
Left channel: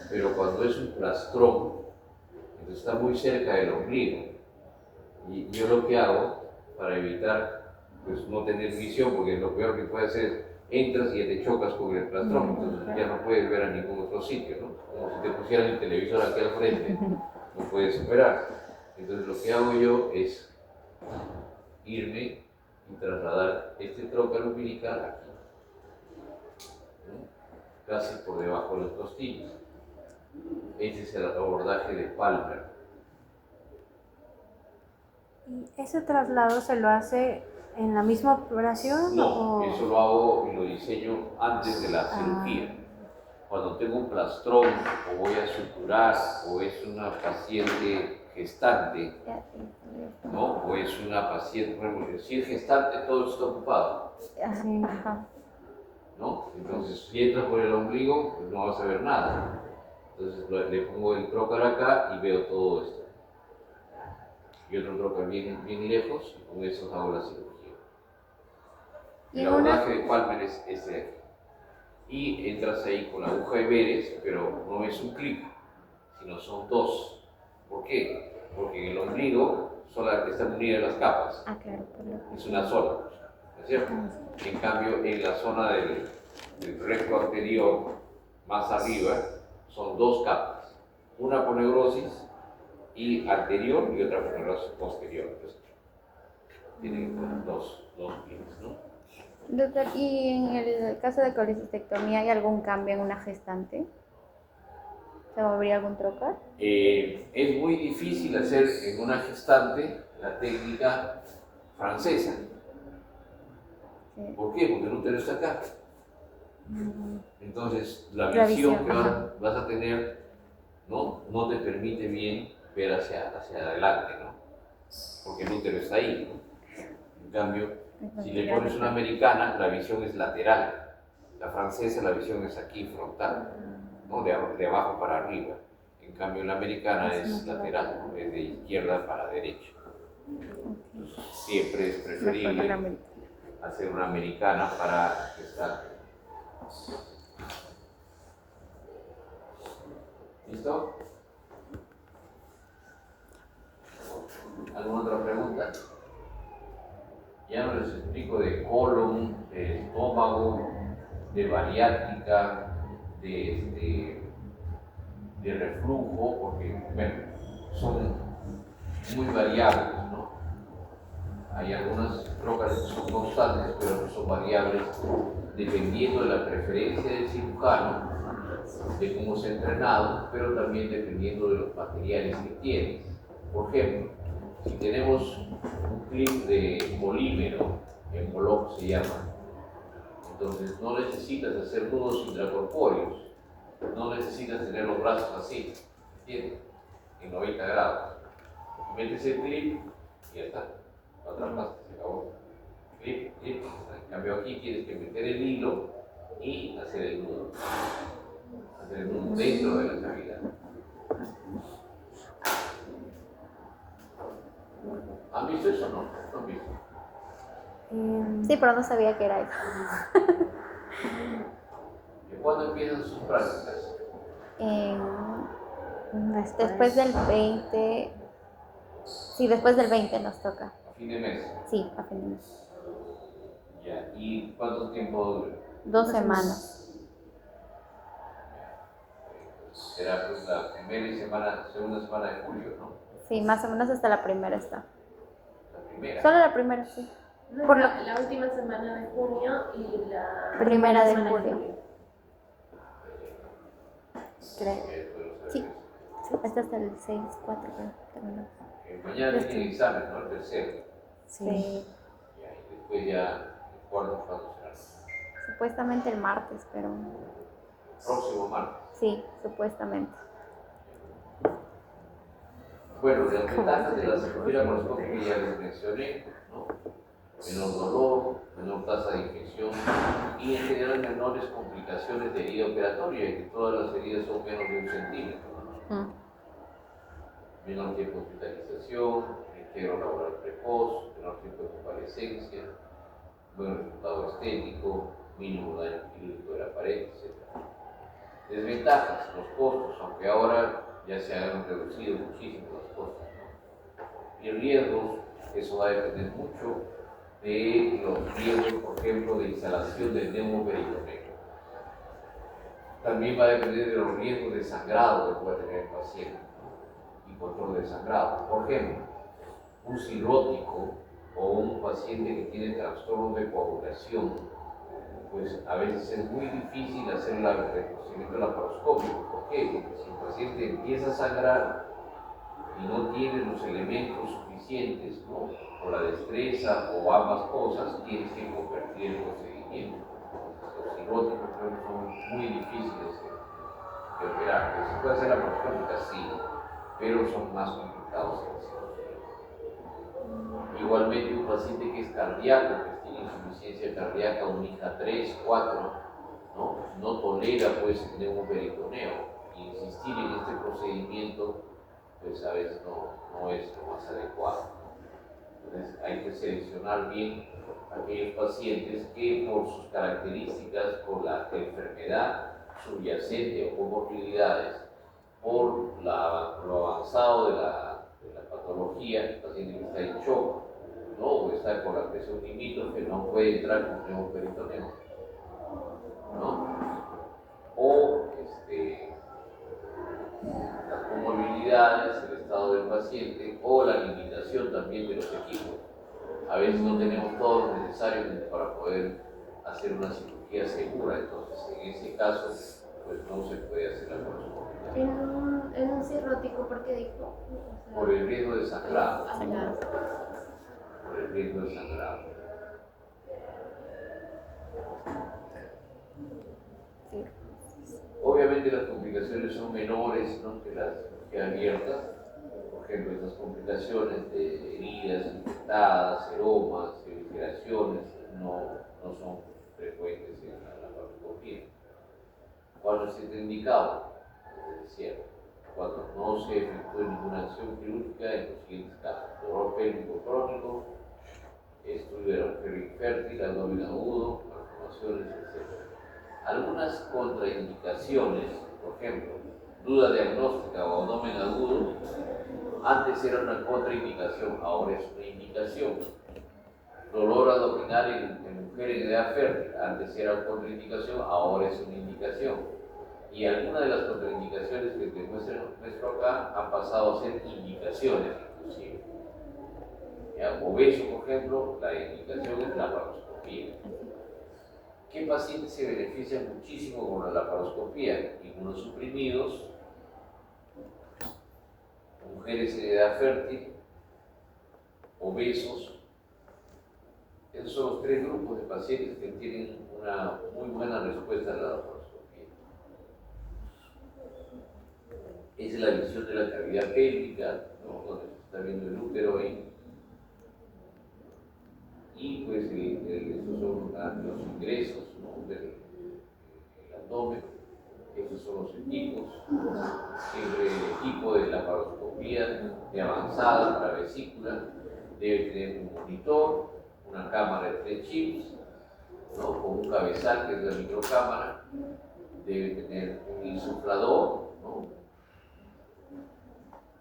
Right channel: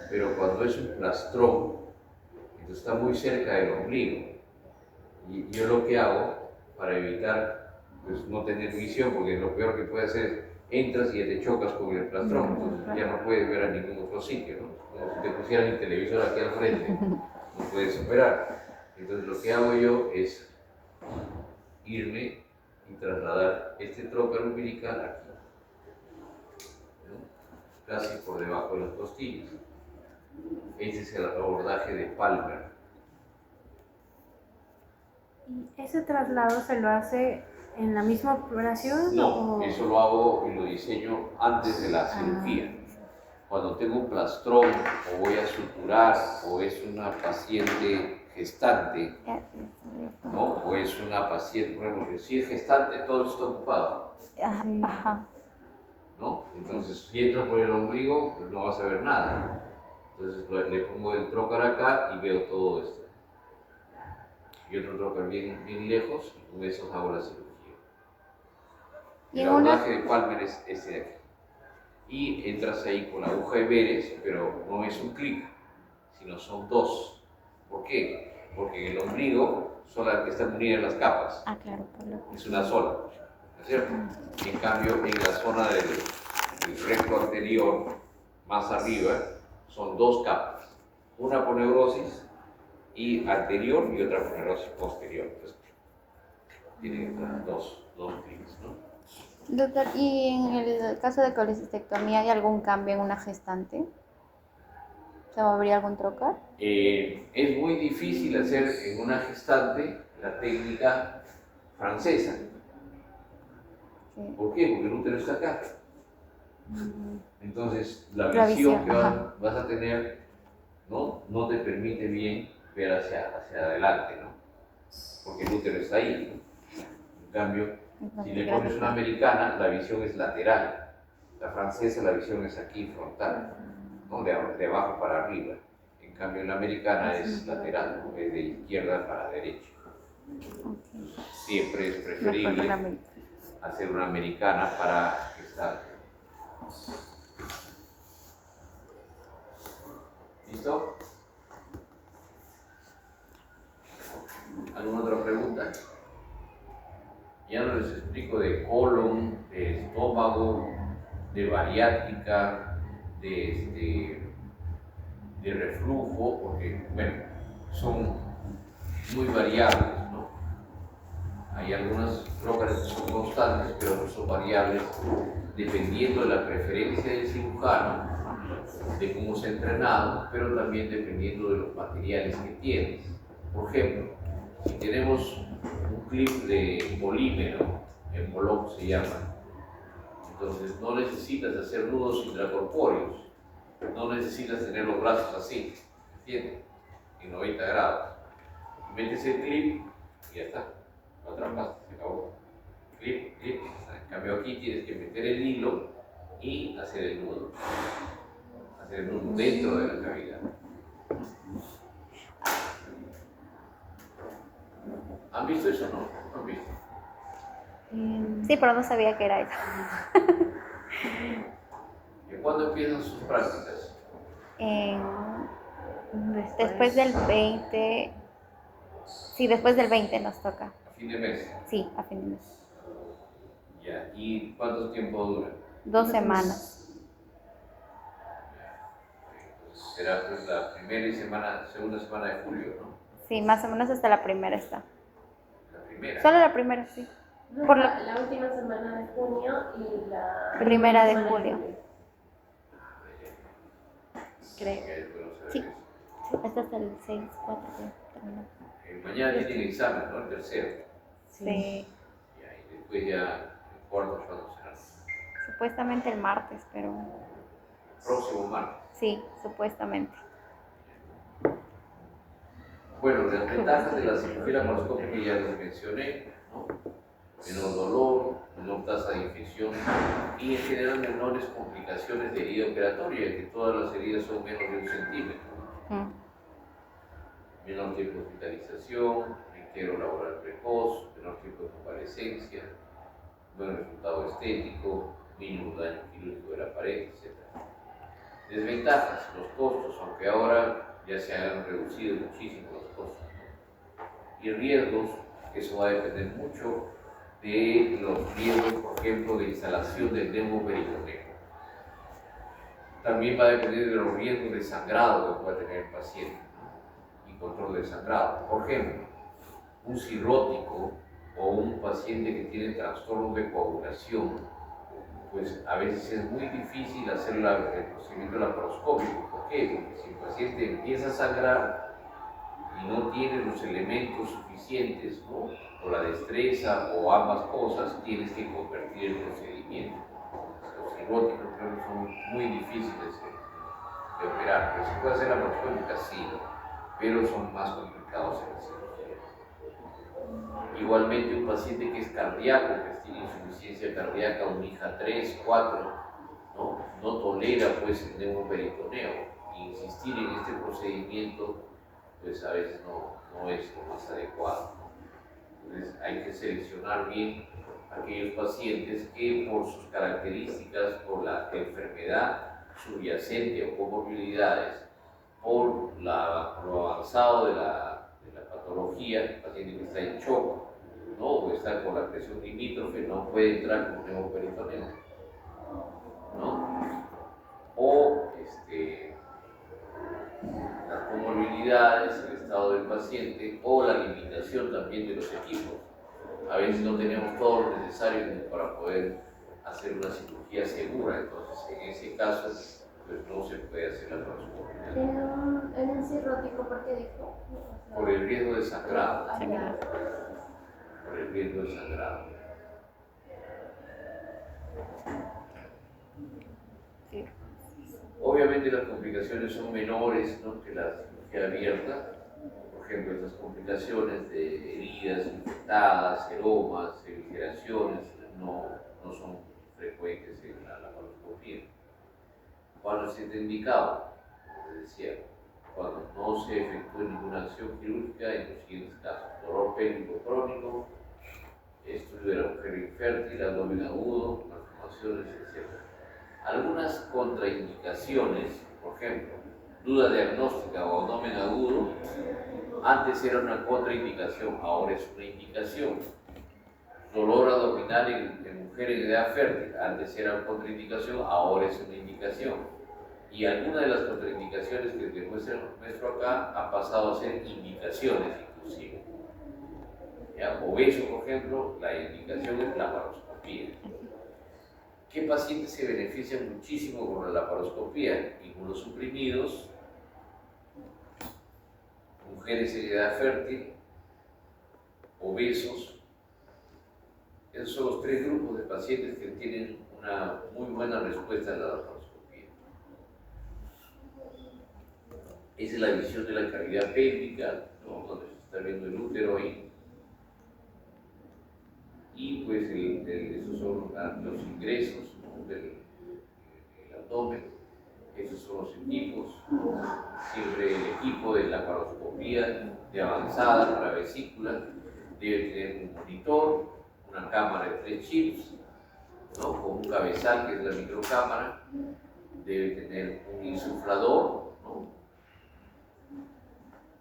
Pero cuando es un plastrón, entonces está muy cerca del ombligo. Y yo lo que hago, para evitar pues, no tener visión, porque lo peor que puede hacer, entras y ya te chocas con el plastrón, entonces ya no puedes ver a ningún otro sitio, ¿no? Como si te pusieran el televisor aquí al frente, no puedes operar. Entonces lo que hago yo es irme y trasladar este trócaro umbilical aquí, ¿no? Casi por debajo de los costillos. Ese es el abordaje de Palmer. ¿Y ese traslado se lo hace en la misma operación? No, o...? eso lo hago y lo diseño antes de la cirugía. Cuando tengo un plastrón o voy a suturar o es una paciente gestante, ¿no? O es una paciente, por ejemplo, si es gestante todo está ocupado, Ajá. ¿no? Entonces si entras por el ombligo pues no vas a ver nada. Entonces le pongo el trócar acá y veo todo esto. Y otro trócar bien lejos y con eso hago la cirugía. El abordaje de Palmer es este de aquí. Y entras ahí con la aguja de Beres, pero no es un clic, sino son dos. ¿Por qué? Porque en el ombligo están unidas las capas. Ah, claro. Es una sola, ¿no es cierto? En cambio, en la zona del recto anterior, más arriba, son dos capas. Una por neurosis y anterior y otra por neurosis posterior. Entonces, tiene dos clics, ¿no? Doctor, ¿y en el caso de colecistectomía hay algún cambio en una gestante? ¿Se movería algún trócar? Es muy difícil hacer en una gestante la técnica francesa. Sí. ¿Por qué? Porque el útero está acá. Entonces, la La visión visión, que ajá. vas a tener no te permite bien ver hacia adelante, ¿no? Porque el útero está ahí, ¿no? En cambio, si le pones una americana, la visión es lateral. La francesa, la visión es aquí, frontal, ¿no? De abajo para arriba. En cambio, la americana es lateral, ¿no? Es de izquierda para derecha. Siempre es preferible hacer una americana para gestar. ¿Listo? ¿Alguna otra pregunta? Ya no les explico de colon, de estómago, de bariátrica, de reflujo, porque bueno, son muy variables, ¿no? Hay algunas trócaras que son constantes, pero no son variables dependiendo de la preferencia del cirujano, de cómo se ha entrenado, pero también dependiendo de los materiales que tienes. Por ejemplo, si tenemos un clip de polímero, Envolop se llama, entonces no necesitas hacer nudos intracorpóreos, no necesitas tener los brazos así, ¿entiendes? En 90 grados. Metes el clip y ya está, lo atrapaste, se acabó. Clip, clip, en cambio aquí tienes que meter el hilo y hacer el nudo dentro de la cavidad. ¿Han visto eso o no? ¿No han visto? Sí, pero no sabía que era eso. ¿Y cuándo empiezan sus prácticas? Después del 20. Sí, después del 20 nos toca. ¿A fin de mes? Sí, a fin de mes. Ya. ¿Y cuánto tiempo dura? 2 semanas. Será pues la segunda semana de julio, ¿no? Sí, más o menos hasta la primera está. La primera. Solo la primera, sí. Por la última semana de junio y la Primera de semana julio. Creo. Sí. Sí. Hasta el 6-4 que terminamos. Mañana tienen examen, ¿no? El tercero. Sí. Ya, y después ya el cuarto cuando será. Supuestamente el martes, pero Próximo martes. sí, supuestamente. Bueno, las ventajas de la cirugía laparoscópica ya les mencioné, ¿no? Menor dolor, menor tasa de infección y en general menores complicaciones de herida operatoria, que todas las heridas son menos de 1 centímetro. Menor tiempo de hospitalización, integro laboral precoz, menor tiempo de convalescencia, buen resultado estético, mínimo daño quirúrgico de la pared, etc. Desventajas, los costos, aunque ahora ya se han reducido muchísimo los costos, ¿no? Y riesgos, eso va a depender mucho de los riesgos, por ejemplo, de instalación del neumoperitoneo. También va a depender de los riesgos de sangrado que pueda tener el paciente, ¿no? Y control del sangrado. Por ejemplo, un cirrótico o un paciente que tiene trastornos de coagulación, pues a veces es muy difícil hacer el procedimiento laparoscópico. ¿Por qué? Porque si el paciente empieza a sangrar y no tiene los elementos suficientes, ¿no? O la destreza o ambas cosas, tienes que convertir el procedimiento. Los cirróticos creo que son muy difíciles de operar. ¿Se puede hacer laparoscópica? Sí, pero son más complicados en la cirugía. Igualmente un paciente que es cardíaco, que tiene insuficiencia cardíaca, un IJA 3, 4, no tolera pues el neumoperitoneo. Insistir en este procedimiento pues a veces no es lo más adecuado. Entonces hay que seleccionar bien aquellos pacientes que por sus características, por la enfermedad subyacente o comorbilidades, por lo avanzado de la patología, el paciente que está en shock, ¿no? O está con la presión limítrofe, no puede entrar con neumoperitoneo, ¿no? O las comorbilidades, el estado del paciente o la limitación también de los equipos. A veces no tenemos todo lo necesario para poder hacer una cirugía segura, entonces en ese caso pues no se puede hacer la laparoscopia. En un cirrótico, ¿por qué dijo? Por el riesgo de sangrado. Sangrado. Por el riesgo de sangrado. Sí. Obviamente las complicaciones son menores, ¿no?, que la cirugía abierta. Por ejemplo, estas complicaciones de heridas infectadas, seromas, evisceraciones, no son frecuentes en la laparoscopia. Cuando se está indicado, como decía, cuando no se efectúe ninguna acción quirúrgica en los siguientes casos: dolor pélvico crónico, estudio de la mujer infértil, abdomen agudo, malformaciones, etc. Algunas contraindicaciones, por ejemplo, duda diagnóstica o abdomen agudo, antes era una contraindicación, ahora es una indicación. Dolor abdominal en mujer en edad fértil, antes era una contraindicación, ahora es una indicación. Y algunas de las contraindicaciones que demuestran nuestro acá han pasado a ser indicaciones inclusive. Obeso, por ejemplo, la indicación es la laparoscopia. ¿Qué pacientes se benefician muchísimo con la laparoscopia? Inmunosuprimidos, mujeres en edad fértil, obesos. Esos son los 3 grupos de pacientes que tienen una muy buena respuesta a la laparoscopia. Esa es la visión de la cavidad pélvica, ¿no?, donde se está viendo el útero y pues estos son los ingresos, ¿no?, del abdomen. Estos son los equipos. Siempre el equipo de laparoscopía de avanzada para vesícula debe tener un monitor, una cámara de 3 chips, ¿no?, con un cabezal que es la microcámara. Debe tener un insuflador, ¿no?,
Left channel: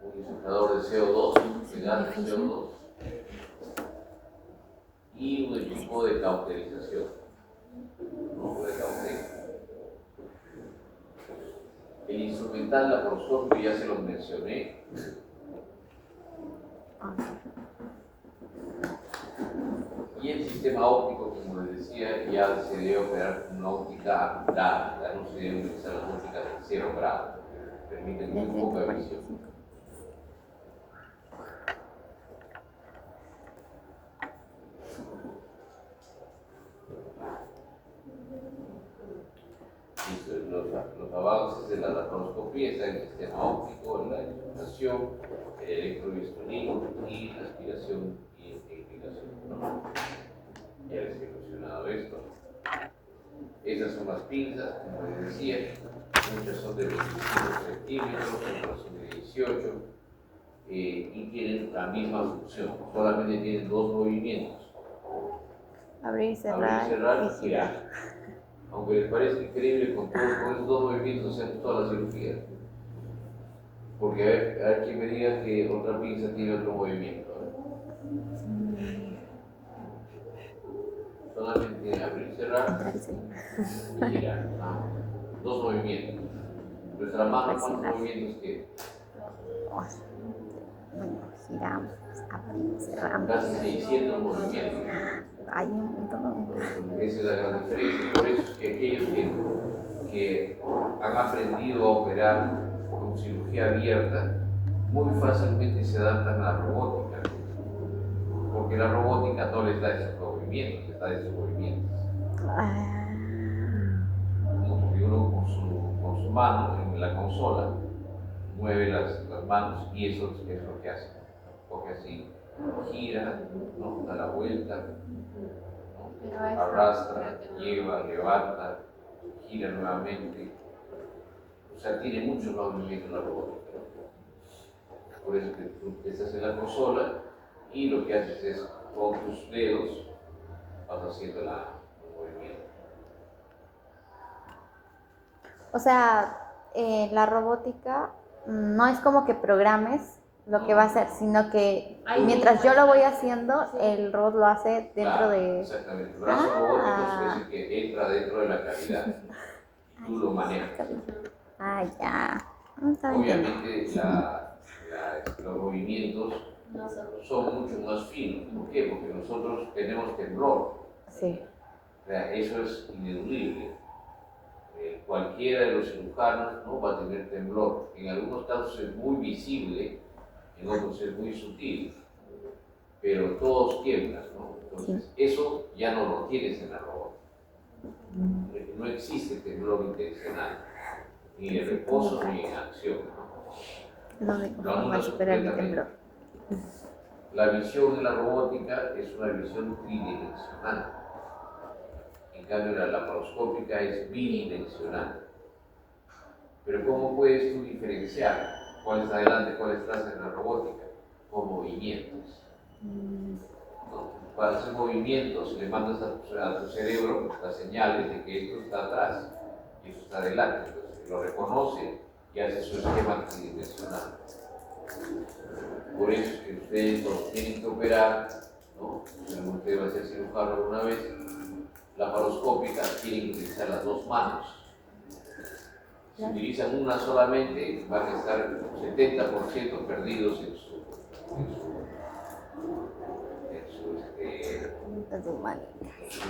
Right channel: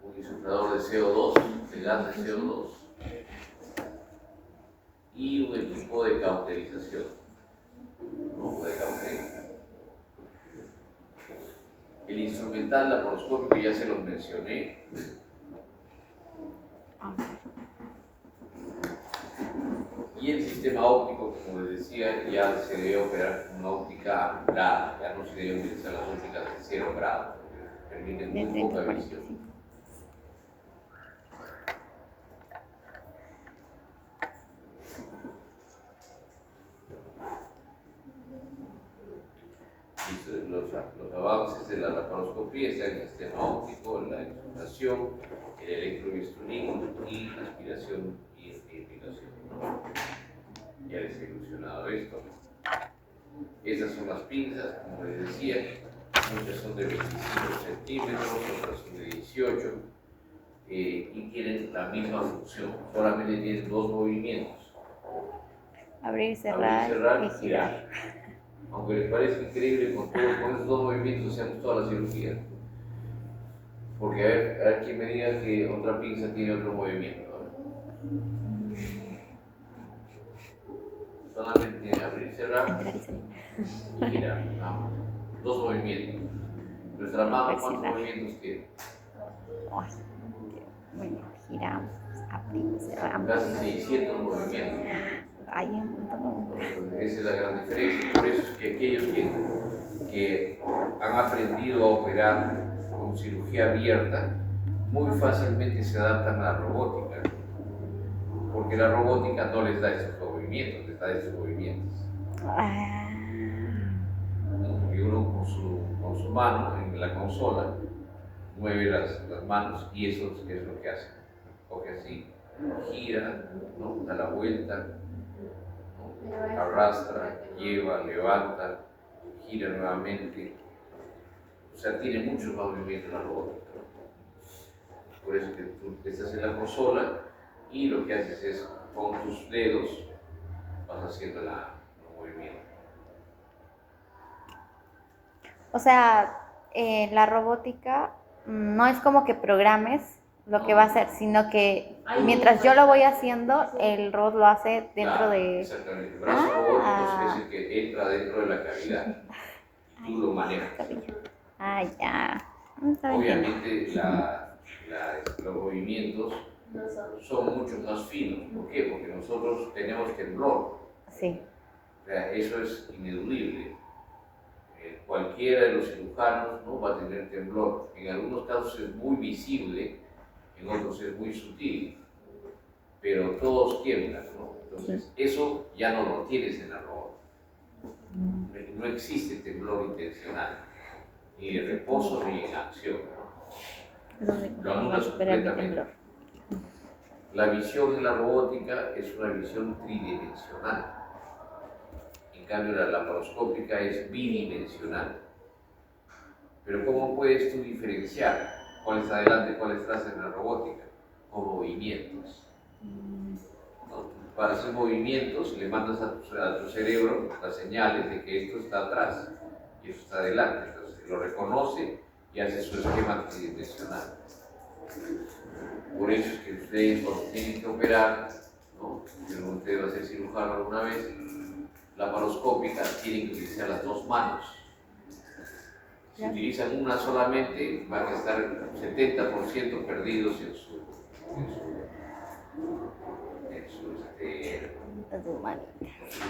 un insuflador de CO2, de gas de CO2, y un equipo de cauterización, ¿no?, de cauterio. El instrumental laparoscópico ya se los mencioné. Y el sistema óptico, como les decía, ya se debe operar con una óptica apurada, ya no se debe utilizar las ópticas de 0 grado. permiten De muy 30 poca a visión. 45. Listo, los avances de la laparoscopía están en el sistema óptico, la exploración, el electrobisturismo y la aspiración y irrigación, ¿no? Ya les he ilusionado esto. Esas son las pinzas, como les decía, muchas son de 25 centímetros, otras son de 18 y tienen la misma función, solamente tienen dos movimientos: Abrir, abrir, cerrar cerrar y y girar. girar. Aunque les parezca increíble, con esos dos movimientos hacemos toda la cirugía. Porque a ver quién me diga que otra pinza tiene otro movimiento. Solamente tiene abrir, cerrar Entrar y salir. y girar. Dos movimientos. Nuestra mano, ¿cuántos Flexionar. movimientos tiene? Ay, bueno, giramos, abrimos, cerramos. Casi 600 movimientos. Hay un montón. Esa es la gran diferencia. Por eso es que aquellos que han aprendido a operar con cirugía abierta, muy fácilmente se adaptan a la robótica. Porque la robótica no les da esos movimientos, les da esos movimientos. Ah, ¿No? Porque uno con su mano en la consola mueve las manos y eso es lo que hace. Porque así gira, ¿no? Da la vuelta, ¿no? Arrastra, lleva, levanta, gira nuevamente. O sea, tiene muchos movimientos la robótica. Por eso que tú estás en la consola y lo que haces es con tus dedos vas haciendo el movimiento. o sea, la robótica no es como que programes lo que va a hacer, sino que mientras yo lo voy haciendo, el robot lo hace dentro Claro, de... exactamente. El brazo robótico es el que entra dentro de la cavidad. Tú lo manejas. Cabello. Ah, ya. Está bien. Obviamente los movimientos son mucho más finos. ¿Por qué? Porque nosotros tenemos temblor. Sí. O sea, eso es ineludible. Cualquiera de los cirujanos, ¿no?, va a tener temblor. En algunos casos es muy visible, en otros es muy sutil, pero todos tiemblan, ¿no? Entonces, eso ya no lo tienes en la robótica. No existe temblor intencional, ni en reposo ni en acción, ¿no? Es donde Lo va a anulas superar mi completamente. temblor. La visión en la robótica es una visión tridimensional. En cambio, la laparoscópica es bidimensional. Pero ¿cómo puedes tú diferenciar cuál es adelante, cuál es atrás en la robótica? Con movimientos. ¿No? Para hacer movimientos le mandas a tu cerebro las señales de que esto está atrás y esto está adelante. Entonces lo reconoce y hace su esquema tridimensional. Por eso es que ustedes cuando tienen que operar, ¿no?, si usted va a ser cirujano alguna vez, laparoscópica, tienen que utilizar las dos manos. Si utilizan una solamente, van a estar 70% perdidos en su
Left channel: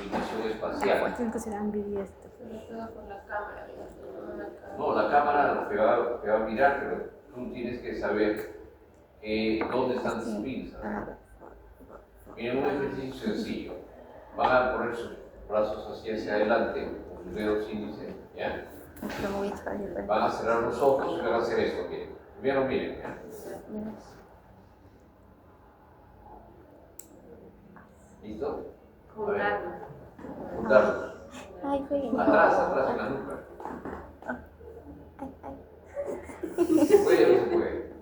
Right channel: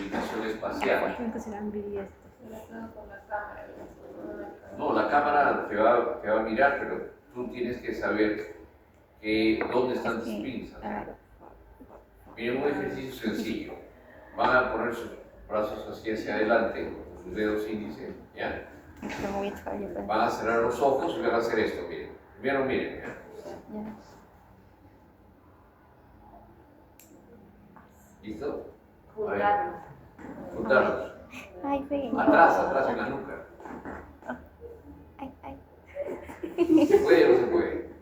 ubicación espacial. Entonces será ambidiestro. Sobre todo por la cámara, no la cámara. No, la cámara te va a mirar, pero tú tienes que saber dónde están tus pinzas. Miren un ejercicio sencillo. Van a poner sus brazos hacia adelante, con sus dedos índice, ¿ya? Van a cerrar los ojos y van a hacer esto, miren. Primero miren, ¿ya? ¿Listo? Juntarlo. Juntarlos. Ay, sí. Atrás en la nuca. Ay. ¿Se puede o no se puede?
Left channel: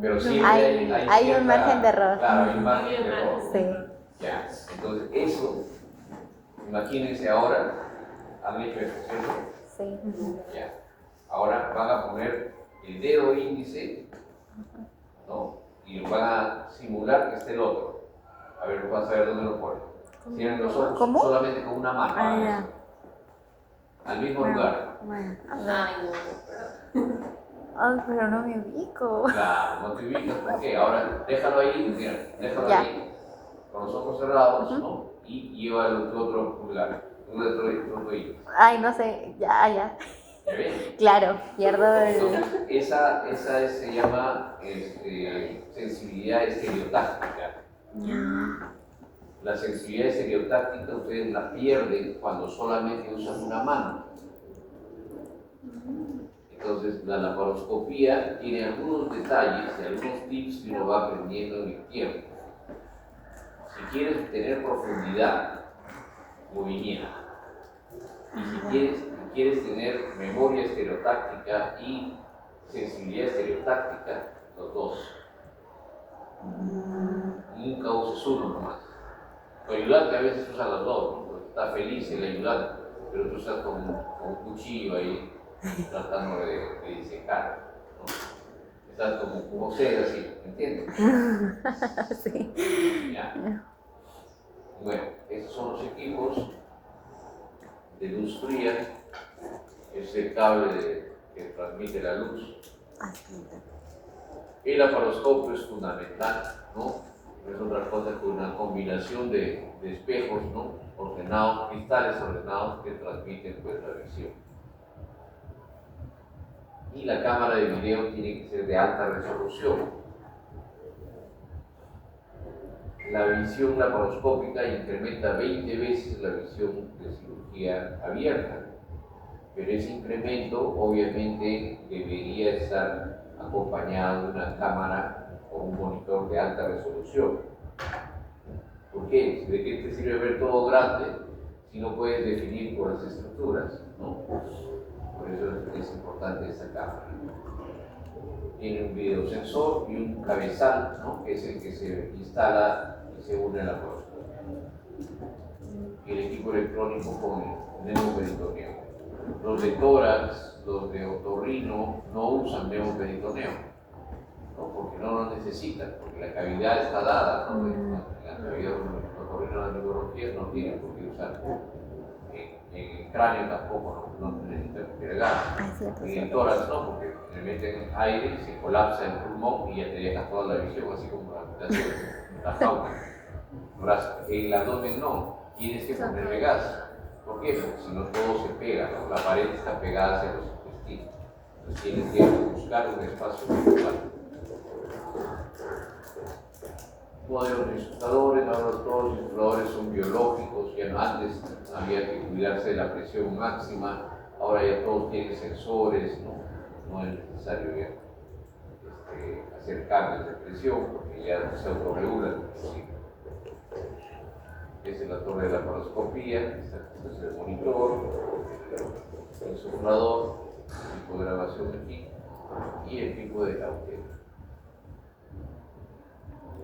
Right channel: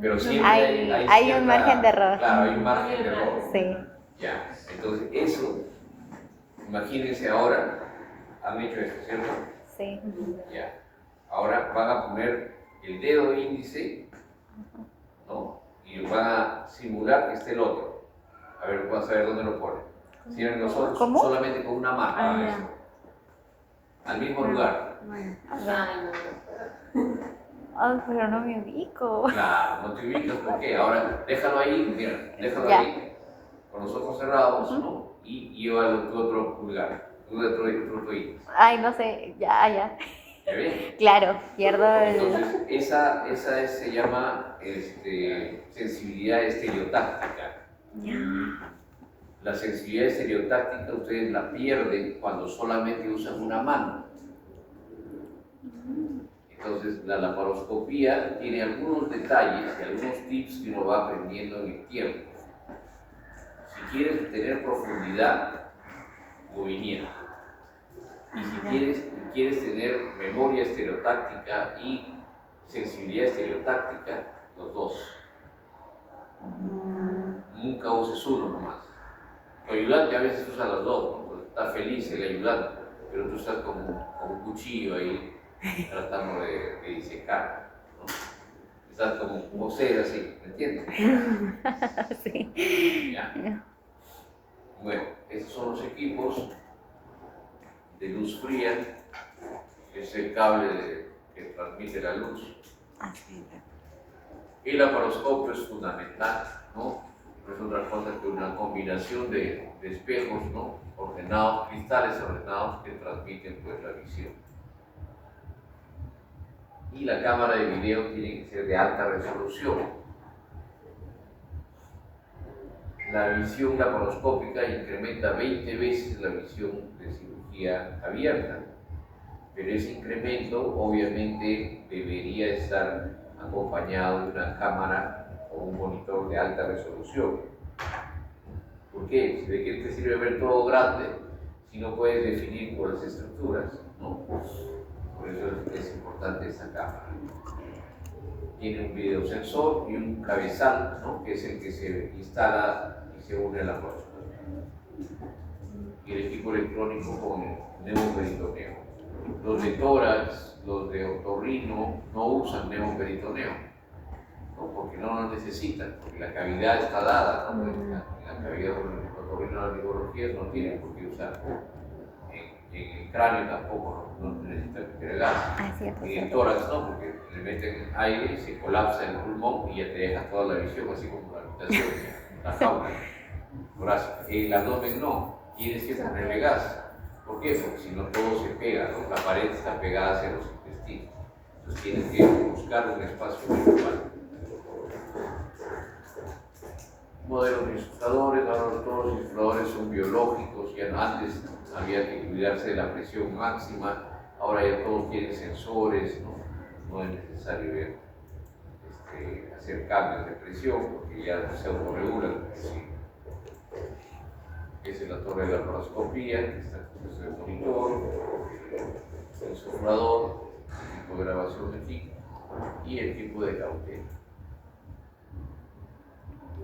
Pero siempre Hay un cierta- margen de error. Claro, hay un margen de error. Sí. Ya, entonces eso, imagínense ahora, han hecho esto, ¿cierto? Sí. Ya. Ahora van a poner el dedo índice, ¿no? Y van a simular que esté el otro. A ver, vas a ver dónde lo ponen. Cierren los ojos ¿Cómo? solamente con una mano. Ah, ya. Al mismo lugar. Bueno. Ay, no. Ay, pero no me ubico. Claro, no te ubicas, ¿por qué? Ahora déjalo ahí, mira, déjalo Ya. ahí, con los ojos cerrados, ¿no? Y llévalo a tu otro lugar, tu otro índice. Ay, no sé. Ya. ¿Me ven? Claro, pierdo el... Entonces, se llama sensibilidad estereotáctica. La sensibilidad estereotáctica ustedes la pierden cuando solamente usan una mano. Entonces, la laparoscopía tiene algunos detalles y algunos tips que uno va aprendiendo en el tiempo. Si quieres tener profundidad, movimiento. Y si quieres tener memoria estereotáctica y sensibilidad estereotáctica, los dos. Nunca uses uno nomás. Tu ayudante a veces usa los dos, ¿no? Porque está feliz el ayudante, pero tú estás con un cuchillo ahí tratando de disecar, ¿no? Estás como ser así, ¿me entiendes? Sí. ¿Ya? Bueno, estos son los equipos de luz fría, es el cable que transmite la luz. El laparoscopio es fundamental, ¿no? No es otra cosa que una combinación de espejos, ¿no? Ordenados, cristales ordenados que transmiten pues la visión. Y la cámara de video tiene que ser de alta resolución. La visión laparoscópica incrementa 20 veces la visión de cirugía abierta, pero ese incremento obviamente debería estar acompañado de una cámara o un monitor de alta resolución. ¿Por qué? ¿De qué te sirve ver todo grande si no puedes definir por las estructuras? ¿No? Por eso es importante esta cámara. Tiene un videosensor y un cabezal, ¿no? Que es el que se instala y se une a la laparoscopia. Y el equipo electrónico con el neumoperitoneo. Los de tórax, los de otorrino no usan neumoperitoneo, ¿no? Porque no lo necesitan, porque la cavidad está dada, ¿no? La cavidad de otorrino de neurología no tiene por qué usar. En el cráneo tampoco no necesita meter gas. Y en tórax no, porque le meten aire, se colapsa el pulmón y ya te deja toda la visión, así como la fauna torácica. En el abdomen no, tienes que ponerle gas. ¿Por qué? Porque si no todo se pega, ¿no? La pared está pegada hacia los intestinos. Entonces tienes que buscar un espacio virtual. Modelos de insufladores, ahora todos los insufladores son biológicos, ya antes había que cuidarse de la presión máxima, ahora ya todos tienen sensores, no es necesario ya, hacer cambios de presión porque ya se autorregulan. Esa es la torre de laparoscopía, este es el monitor, el insuflador, el tipo de grabación aquí y el tipo de cautela.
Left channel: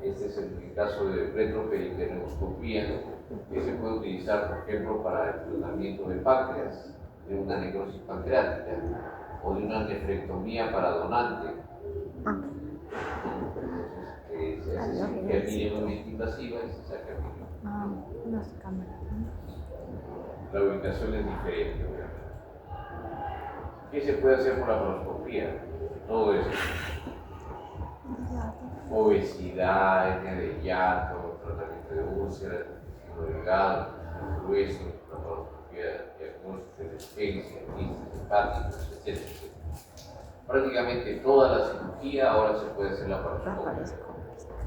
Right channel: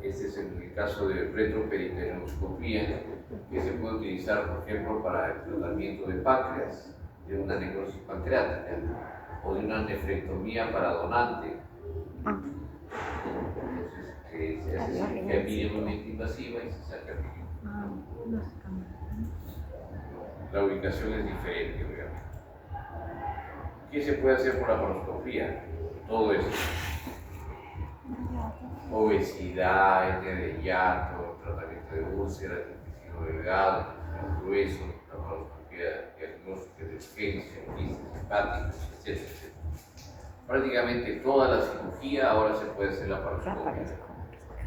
Este es el caso de retroperitoneoscopía, que se puede utilizar, por ejemplo, para el tratamiento de páncreas, de una necrosis pancreática o de una nefrectomía para donante. Entonces, se hace cirugía mínimamente invasiva y se saca el riñón. La ubicación es diferente, obviamente. ¿Qué se puede hacer por laparoscopía? Todo eso. Obesidad, hernia de hiato, tratamiento de úlceras, intestino delgado, intestino grueso, laparoscopía diagnóstica de urgencia, quistes hepáticos, etc. Prácticamente toda la cirugía ahora se puede hacer laparoscopia.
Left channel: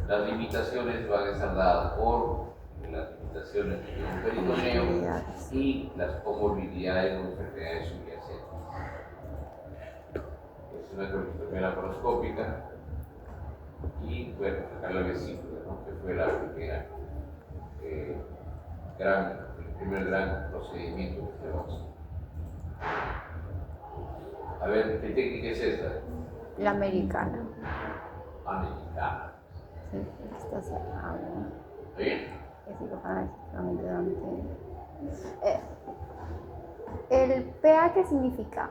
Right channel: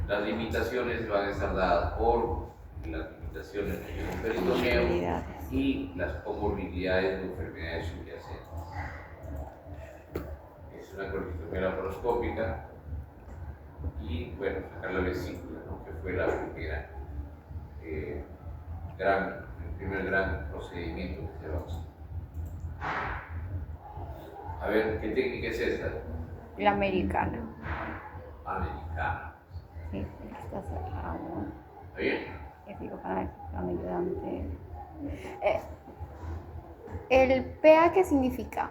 Las limitaciones van a estar dadas por las limitaciones del peritoneo y las comorbilidades o enfermedades subyacentes. Es una colposcopia laparoscópica y, bueno, sacar la vesícula, ¿no? Que fue la primera, el primer gran procedimiento que se va a usar. A ver, ¿qué técnica es esta? La americana. Americana. Sí, está cerrado. ¿Está bien? Es cirujana, es ayudante. ¿El PA qué significa?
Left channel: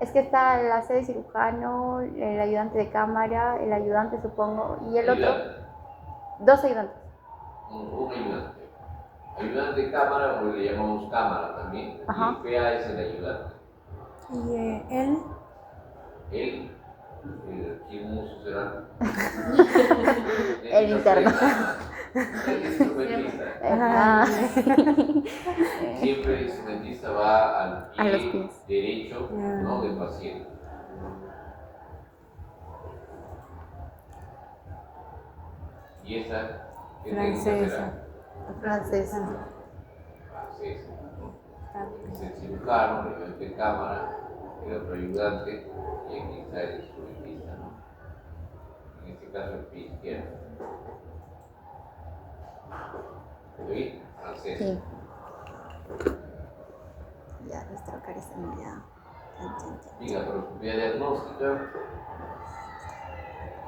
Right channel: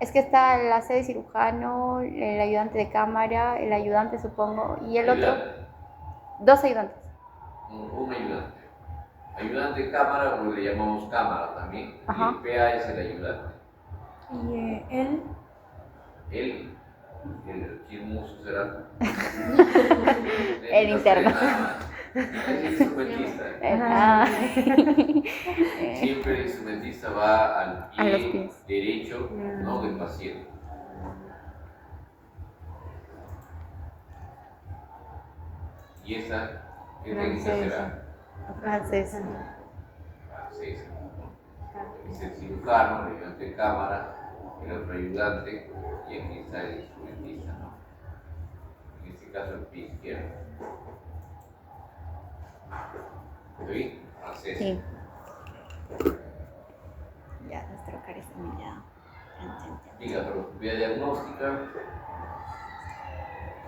Es que está la sede cirujano, el ayudante de cámara, el ayudante supongo, y el otro. Dos ayudantes. Un ayudante. Ayudante de cámara, o le llamamos cámara también. Ajá. Y el PA es el ayudante. ¿Y él? ¿Quién muso será? El interno. Instrumentista. Ah, Siempre el instrumentista va al a los pie pies. derecho, ¿no? Del paciente. Y esa, ¿qué técnica Francesa. será? Francesa. Francesa, ¿no? Es el cirujano, el ayudante de cámara, el otro ayudante, y aquí está el instrumentista, ¿no? En este caso el pie izquierdo. ¿Sí? Francesa. Sí. Ya, los trocares también ya. Chan, chan, chan. Y la laparoscopía diagnóstica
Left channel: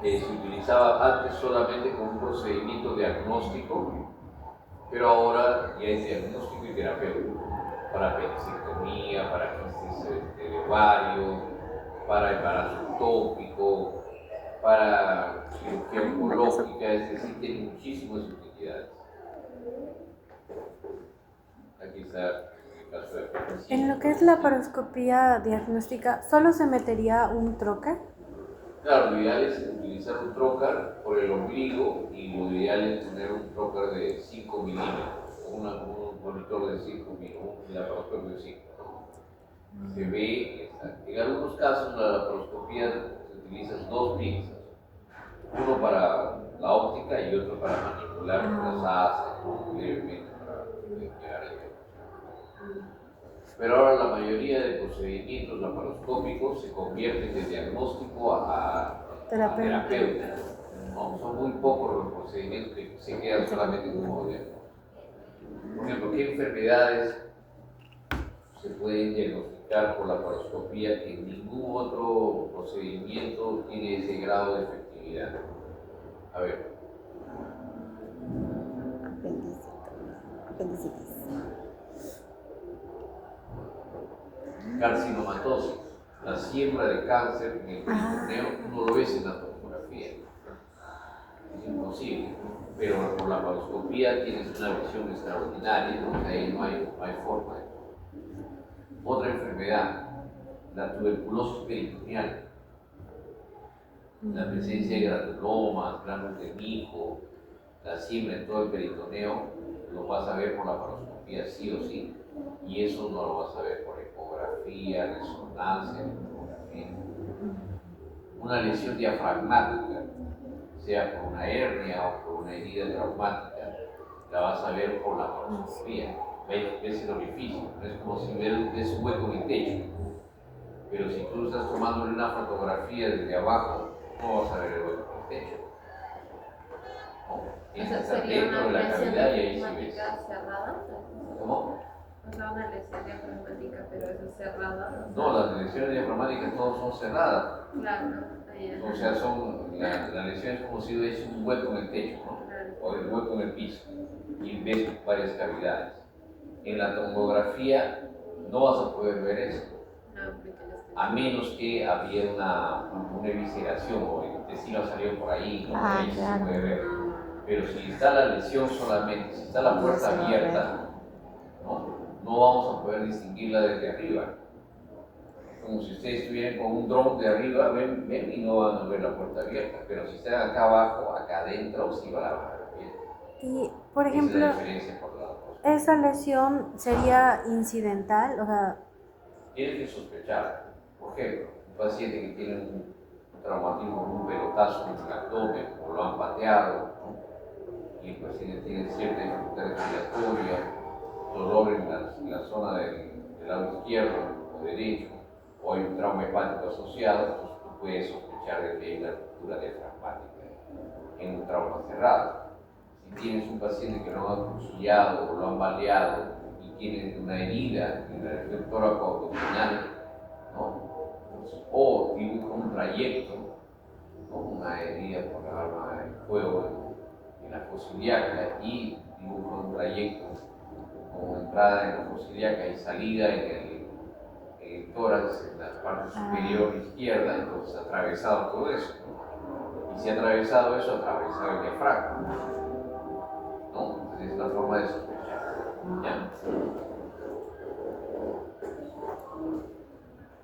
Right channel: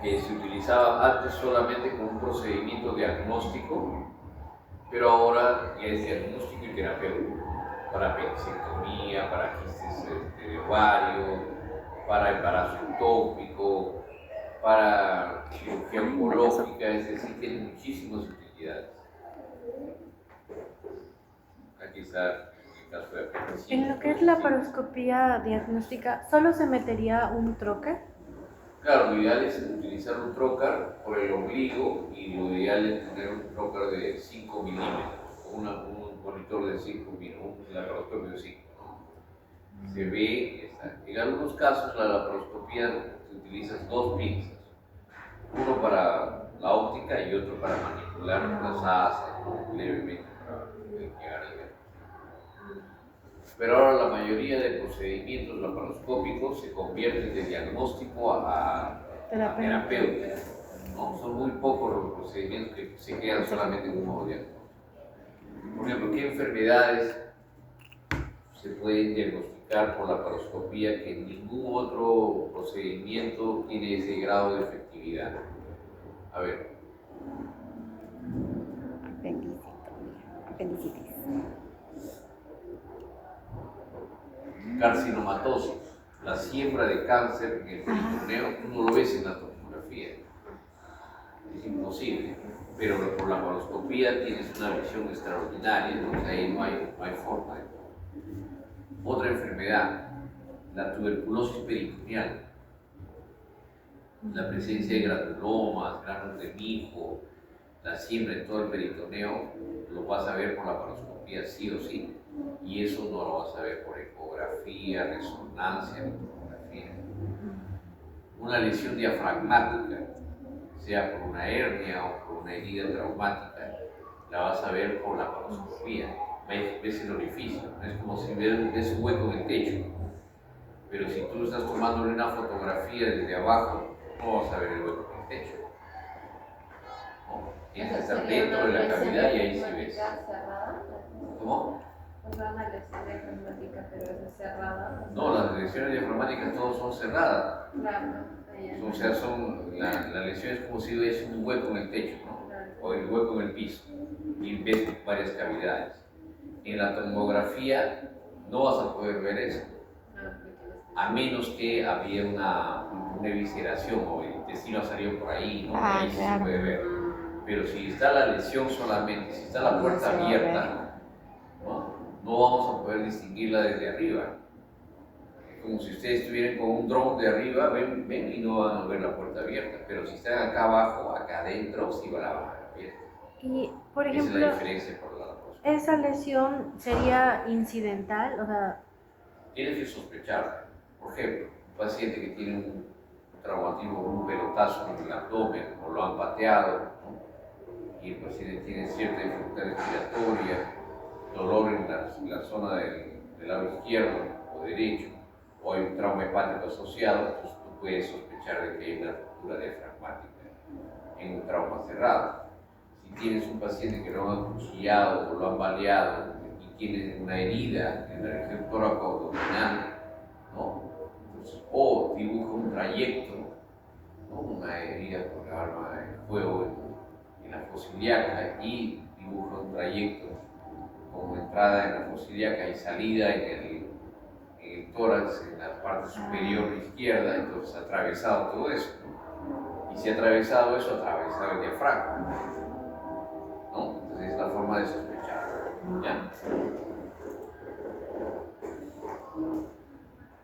se utilizaba antes solamente como un procedimiento diagnóstico, pero ahora ya es diagnóstico y terapéutico para apendicectomía, para quistes de ovario, para embarazo ectópico, para cirugía oncológica, es decir, tiene muchísimas utilidades. Aquí está el caso de apendicitis. En lo que es la laparoscopía diagnóstica, ¿solo se metería un trocar? Claro, lo ideal es utilizar un trocar por el ombligo y lo ideal es tener un trocar de 5 milímetros, un monitor de 5 milímetros, un laparoscopio de 5. Se ve, en algunos casos la laparoscopía se utilizan dos pinzas, uno para la óptica y otro para manipular las asas, ¿no? Levemente para llegar al diagnóstico. Pero ahora la mayoría de procedimientos laparoscópicos se convierten de diagnóstico a terapéutica, ¿no? Son muy pocos los procedimientos que se quedan solamente como diagnóstico. Por ejemplo, ¿qué enfermedades se pueden diagnosticar por laparoscopía que ningún otro procedimiento tiene ese grado de efectividad? A ver. Apendicitis. Carcinomatosis, la siembra de cáncer en el peritoneo, no lo ves en la tomografía, es imposible, pero por la laparoscopía tienes una visión extraordinaria, ¿no? O sea, ahí no hay forma. Otra enfermedad, la tuberculosis peritoneal, la presencia de granulomas, gránulos de mijo, la siembra en todo el peritoneo, lo vas a ver por la laparoscopía sí o sí, y eso no lo vas a ver por ecografía, resonancia, tomografía. Una lesión diafragmática, sea por una hernia o por una herida traumática, la vas a ver por la laparoscopía. Ves el orificio, es como si ves un hueco en el techo, pero si tú estás tomándole una fotografía desde abajo, no vas a ver el hueco en el techo. Tienes que estar dentro de la cavidad y ahí sí ves. Cerrada. ¿Cómo? O sea, una lesión diafragmática, pero eso es cerrada. No, las lesiones diafragmáticas todas son cerradas. Claro, ahí O sea, la lesión es como si hubiese un hueco en el techo, ¿no? O el hueco en el piso, y ves varias cavidades. En la tomografía no vas a poder ver eso, a menos que había una evisceración o el intestino salió por ahí, ¿no? Ah, Ahí sí claro. se puede ver. Pero si está la lesión solamente, si está la No puerta se va a abierta, ¿no vamos a poder distinguirla desde arriba. Como si ustedes estuvieran con un dron de arriba, ven y no van a ver la puerta abierta. Pero si están acá abajo, acá adentro, sí van a ver abierta. Y, por Esa es ejemplo, la diferencia por la cosa. ¿esa lesión sería incidental? O sea, Tienes que sospechar. Por ejemplo, un paciente que tiene un traumatismo, un pelotazo en el abdomen o lo han pateado, ¿no? Y el paciente tiene cierta dificultad respiratoria, dolor en la zona del lado izquierdo o derecho, o hay un trauma hepático asociado, entonces tú puedes sospechar de que hay una ruptura diafragmática en un trauma cerrado. Si tienes un paciente que lo han acuchillado o lo han baleado y tiene una herida en la región tóraco-abdominal, ¿no? Entonces, o dibuja un trayecto, ¿no? Una herida con la arma de fuego en la fosa ilíaca y dibuja un trayecto con entrada en la fosa ilíaca y salida en el tórax, en la parte superior izquierda, entonces atravesado todo eso, ¿no? Y si ha atravesado eso, atravesado el diafragma, ¿no? Entonces es la forma de sospechar, ¿ya?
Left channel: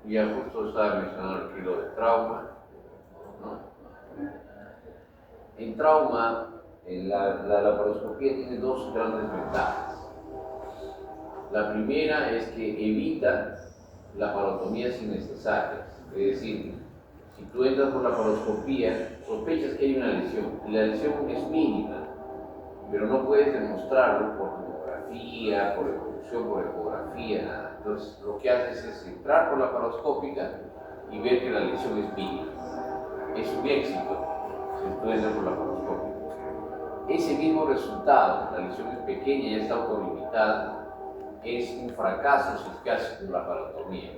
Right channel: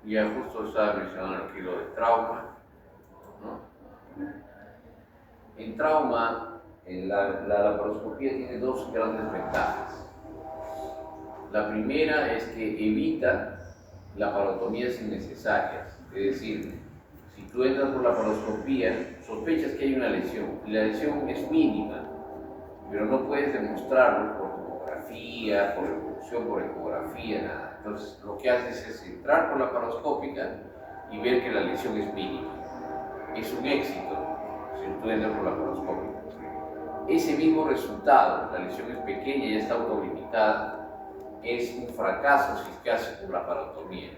Y ya justo estaba mencionando aquí lo de trauma, ¿no? En trauma, La laparoscopía tiene dos grandes ventajas. La primera es que evita laparotomías innecesarias. Es decir, si tú entras por laparoscopía, sospechas que hay una lesión. Y la lesión es mínima, pero no puedes demostrarlo por tomografía, por evolución, por ecografía, nada. Entonces, lo que haces es entrar por laparoscópica y ver que la lesión es mínima. Es un éxito si tú entras por laparoscópica. Ese mismo resultado, la lesión es pequeña y ya está autolimitada, es un fracaso si es que haces por laparotomía,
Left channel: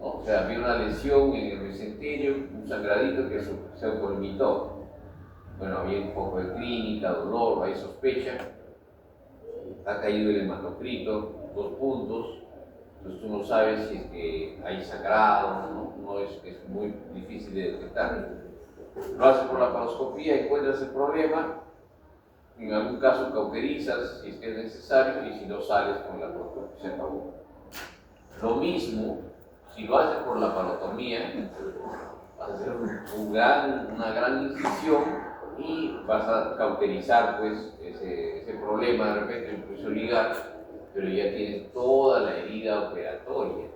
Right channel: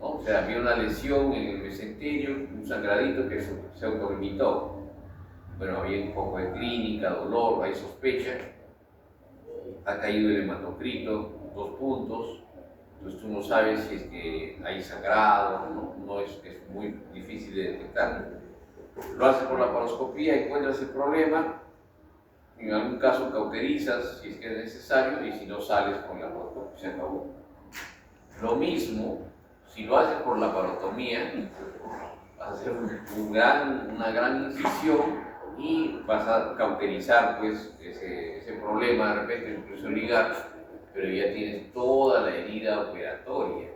¿no? O sea, había una lesión en el mesenterio, un sangradito que se autolimitó. Bueno, había un poco de clínica, dolor, hay sospecha, ha caído el hematocrito, 2 puntos, entonces tú no sabes si es que hay sangrado, no es muy difícil de detectar. Lo haces por laparoscopía, encuentras el problema, en algún caso cauterizas si es que es necesario y si no sales con la laparoscopia, se acabó. Lo mismo, si lo haces por laparotomía, vas a hacer una gran incisión y vas a cauterizar pues, ese problema, de repente incluso ligar, pero ya tienes toda la herida operatoria,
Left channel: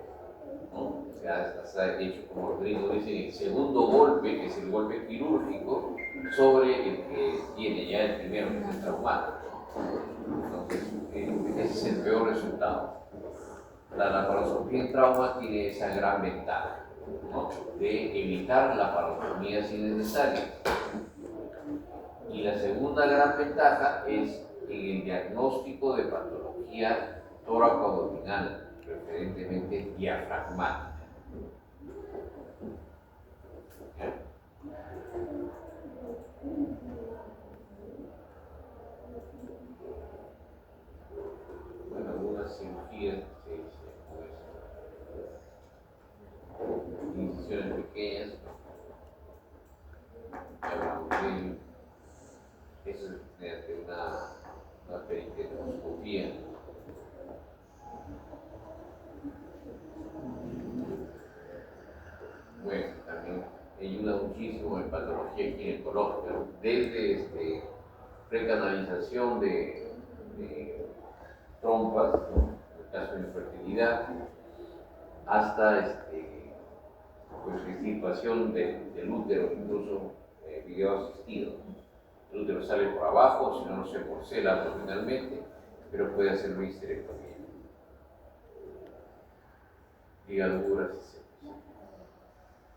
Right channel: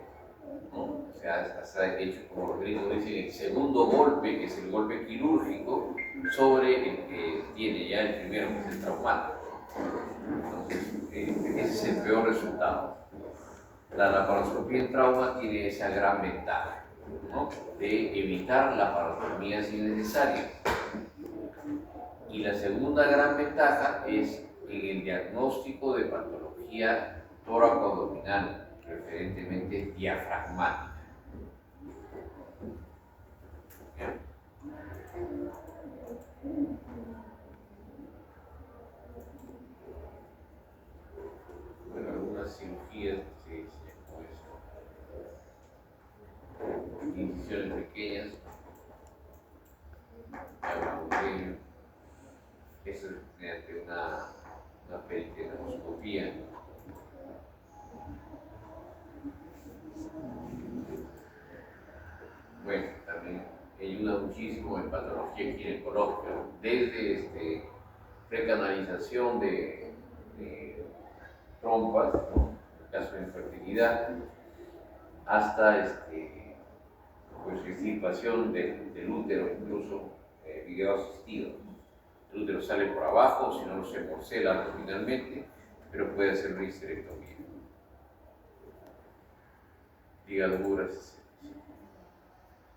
¿no? O sea, has hecho, como los gringos dicen, el segundo golpe, que es el golpe quirúrgico, sobre el que tiene ya el primero, que es el traumático. Entonces, ese es el peor resultado. La laparoscopía en trauma tiene esa gran ventaja, ¿no? De evitar laparotomías innecesarias. Y la segunda gran ventaja es en el diagnóstico de patología tóraco-abdominal, preferentemente diafragmática. Bueno, algunas cirugías se dicen pues, incisiones pequeñas, eso es mediante una peritoneoscopía. Bueno, también ayuda muchísimo en patología ginecológica, desde precanalización de trompas, ¿no? En el caso de infertilidad, hasta pues, extirpación del útero, incluso video asistido. El útero sale por abajo, si no se porcela abdominalmente, pero puede hacer una histerectomía. Ligaduras, etc.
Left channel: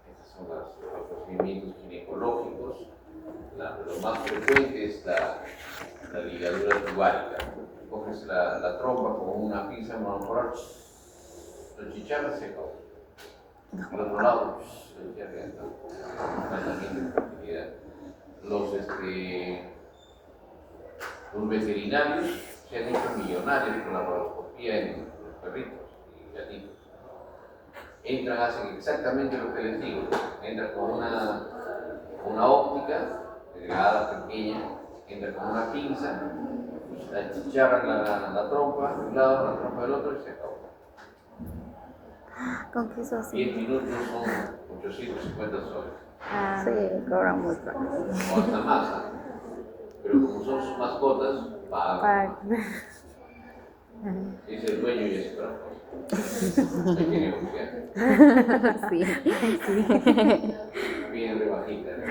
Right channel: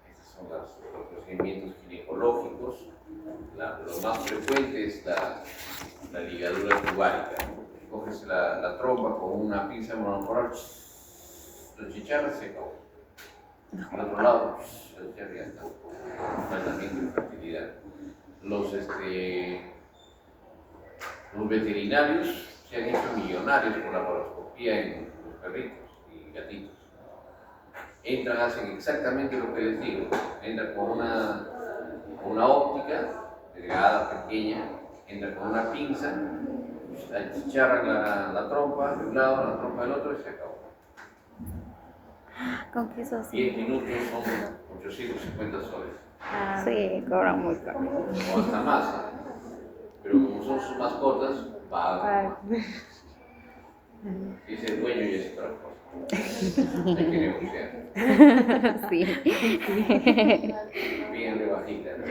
Estos son los procedimientos ginecológicos. Lo más frecuente es la ligadura tubárica. Coges la trompa con una pinza monopolar, lo chicharras, se acabó. Al otro lado, lo chicharras, ya está. Tratamiento de fertilidad. Los veterinarios se han hecho millonarios con la laparoscopía en los perritos y gatitos. Entran, hacen exactamente lo que les digo. Entran con una óptica delgada, pequeña, entran con una pinza, achicharran la trompa de un lado, la trompa del otro y se acabó. ¿Con qué eso así? 10 minutos son 850 soles. Sí, cobran muy caro. O hasta más, ¿eh? Pero como son sus mascotas, pagan. Si es el dueño y es otra cosa. Hay que negociar. Sí. Bien rebajita, ¿no?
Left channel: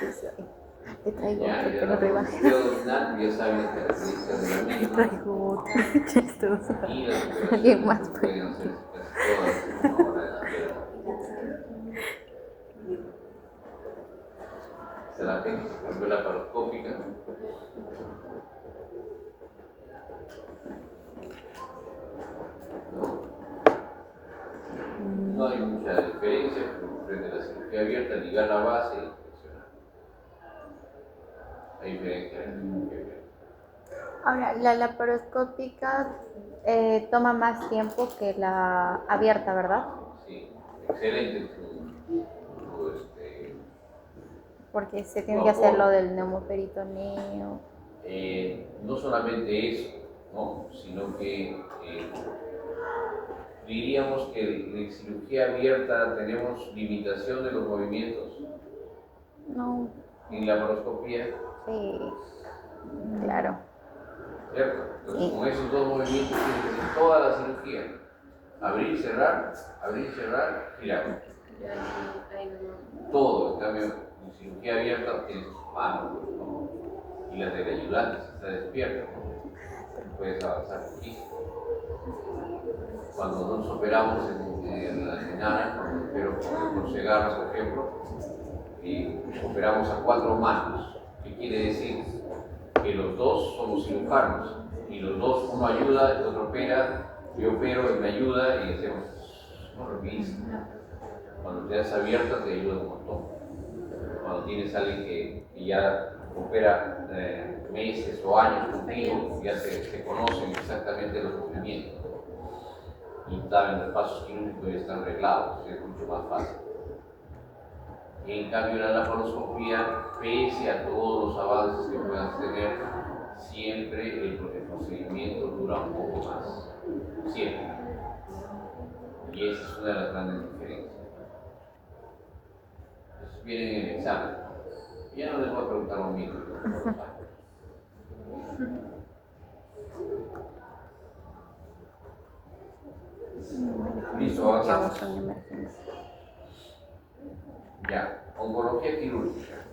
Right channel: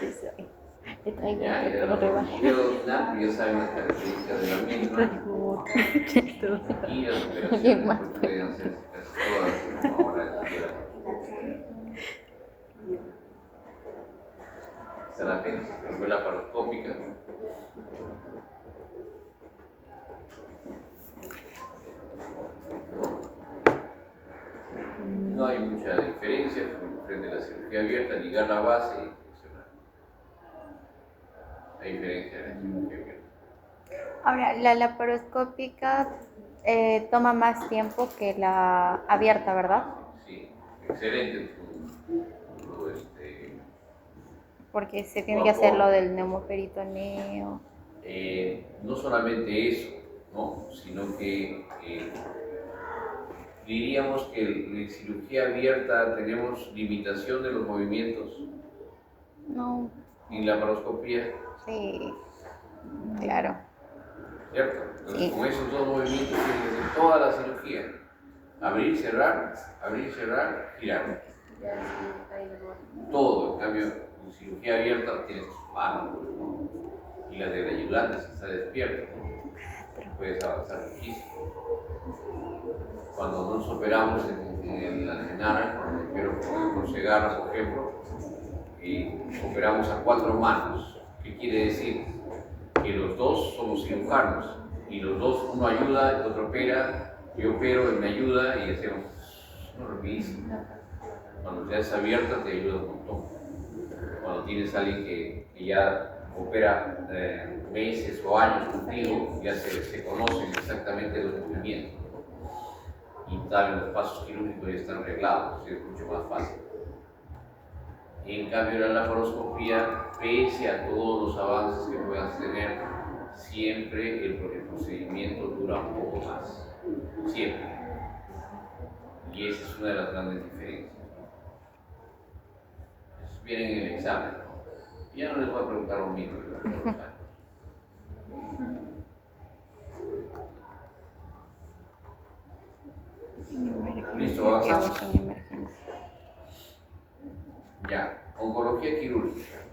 Sí, sí. Te traigo Ya, otro, ya pero rebaja. ya saben las características de la misma. Traigo otro. Chistoso. Y las Alguien más, operaciones pueden hacerse casi todas ahora en la tierra. Esta es la apéndice laparoscópica. No hay mucha diferencia frente a la cirugía abierta, ligar la base y funcionar. Hay diferencia en la cirugía abierta. Ahora, la laparoscópica toma más tiempo que la abierta, ¿verdad? Sí, excelente tu Porque se tiene que hacer lo del neumoperitoneo. no solamente eso, ¿no? Sino que diríamos que en cirugía abierta tenemos limitación de los movimientos. No, en la laparoscopía, Sí, claro. ¿cierto? Entonces, Sí. con esos dos movimientos tienes que hacer toda la cirugía. Abrir, cerrar, girar. Ya, sí, ahí nomás. Todo, en cambio, en cirugía abierta tienes tus manos, ¿no? Y las del ayudante si está despierto, ¿no? Puedes avanzar muchísimo. Cuando nos operamos en la Senara, cuando opero por Segarra, por ejemplo, operamos a 4 manos. ¿Qué quiere decir? Que los dos somos cirujanos y los dos, uno ayuda, el otro opera, yo opero, él me ayuda y hacemos rapidísimo. Cuando ya es abierta te ayuda un montón. Cuando tienes a alguien que ya opera meses o años contigo, ya se conocen exactamente los movimientos. Y también los pasos quirúrgicos ya están arreglados, es mucho más fácil. Y en cambio la laparoscopía, pese a todos los avances que puedas tener, siempre el procedimiento dura un poco más. Siempre. Y esa es una de las grandes diferencias. Eso viene en el examen, ¿no? Ya no les voy a preguntar lo mismo. Listo, Qué avanzamos. gusto en emergencia. Ya, oncología quirúrgica.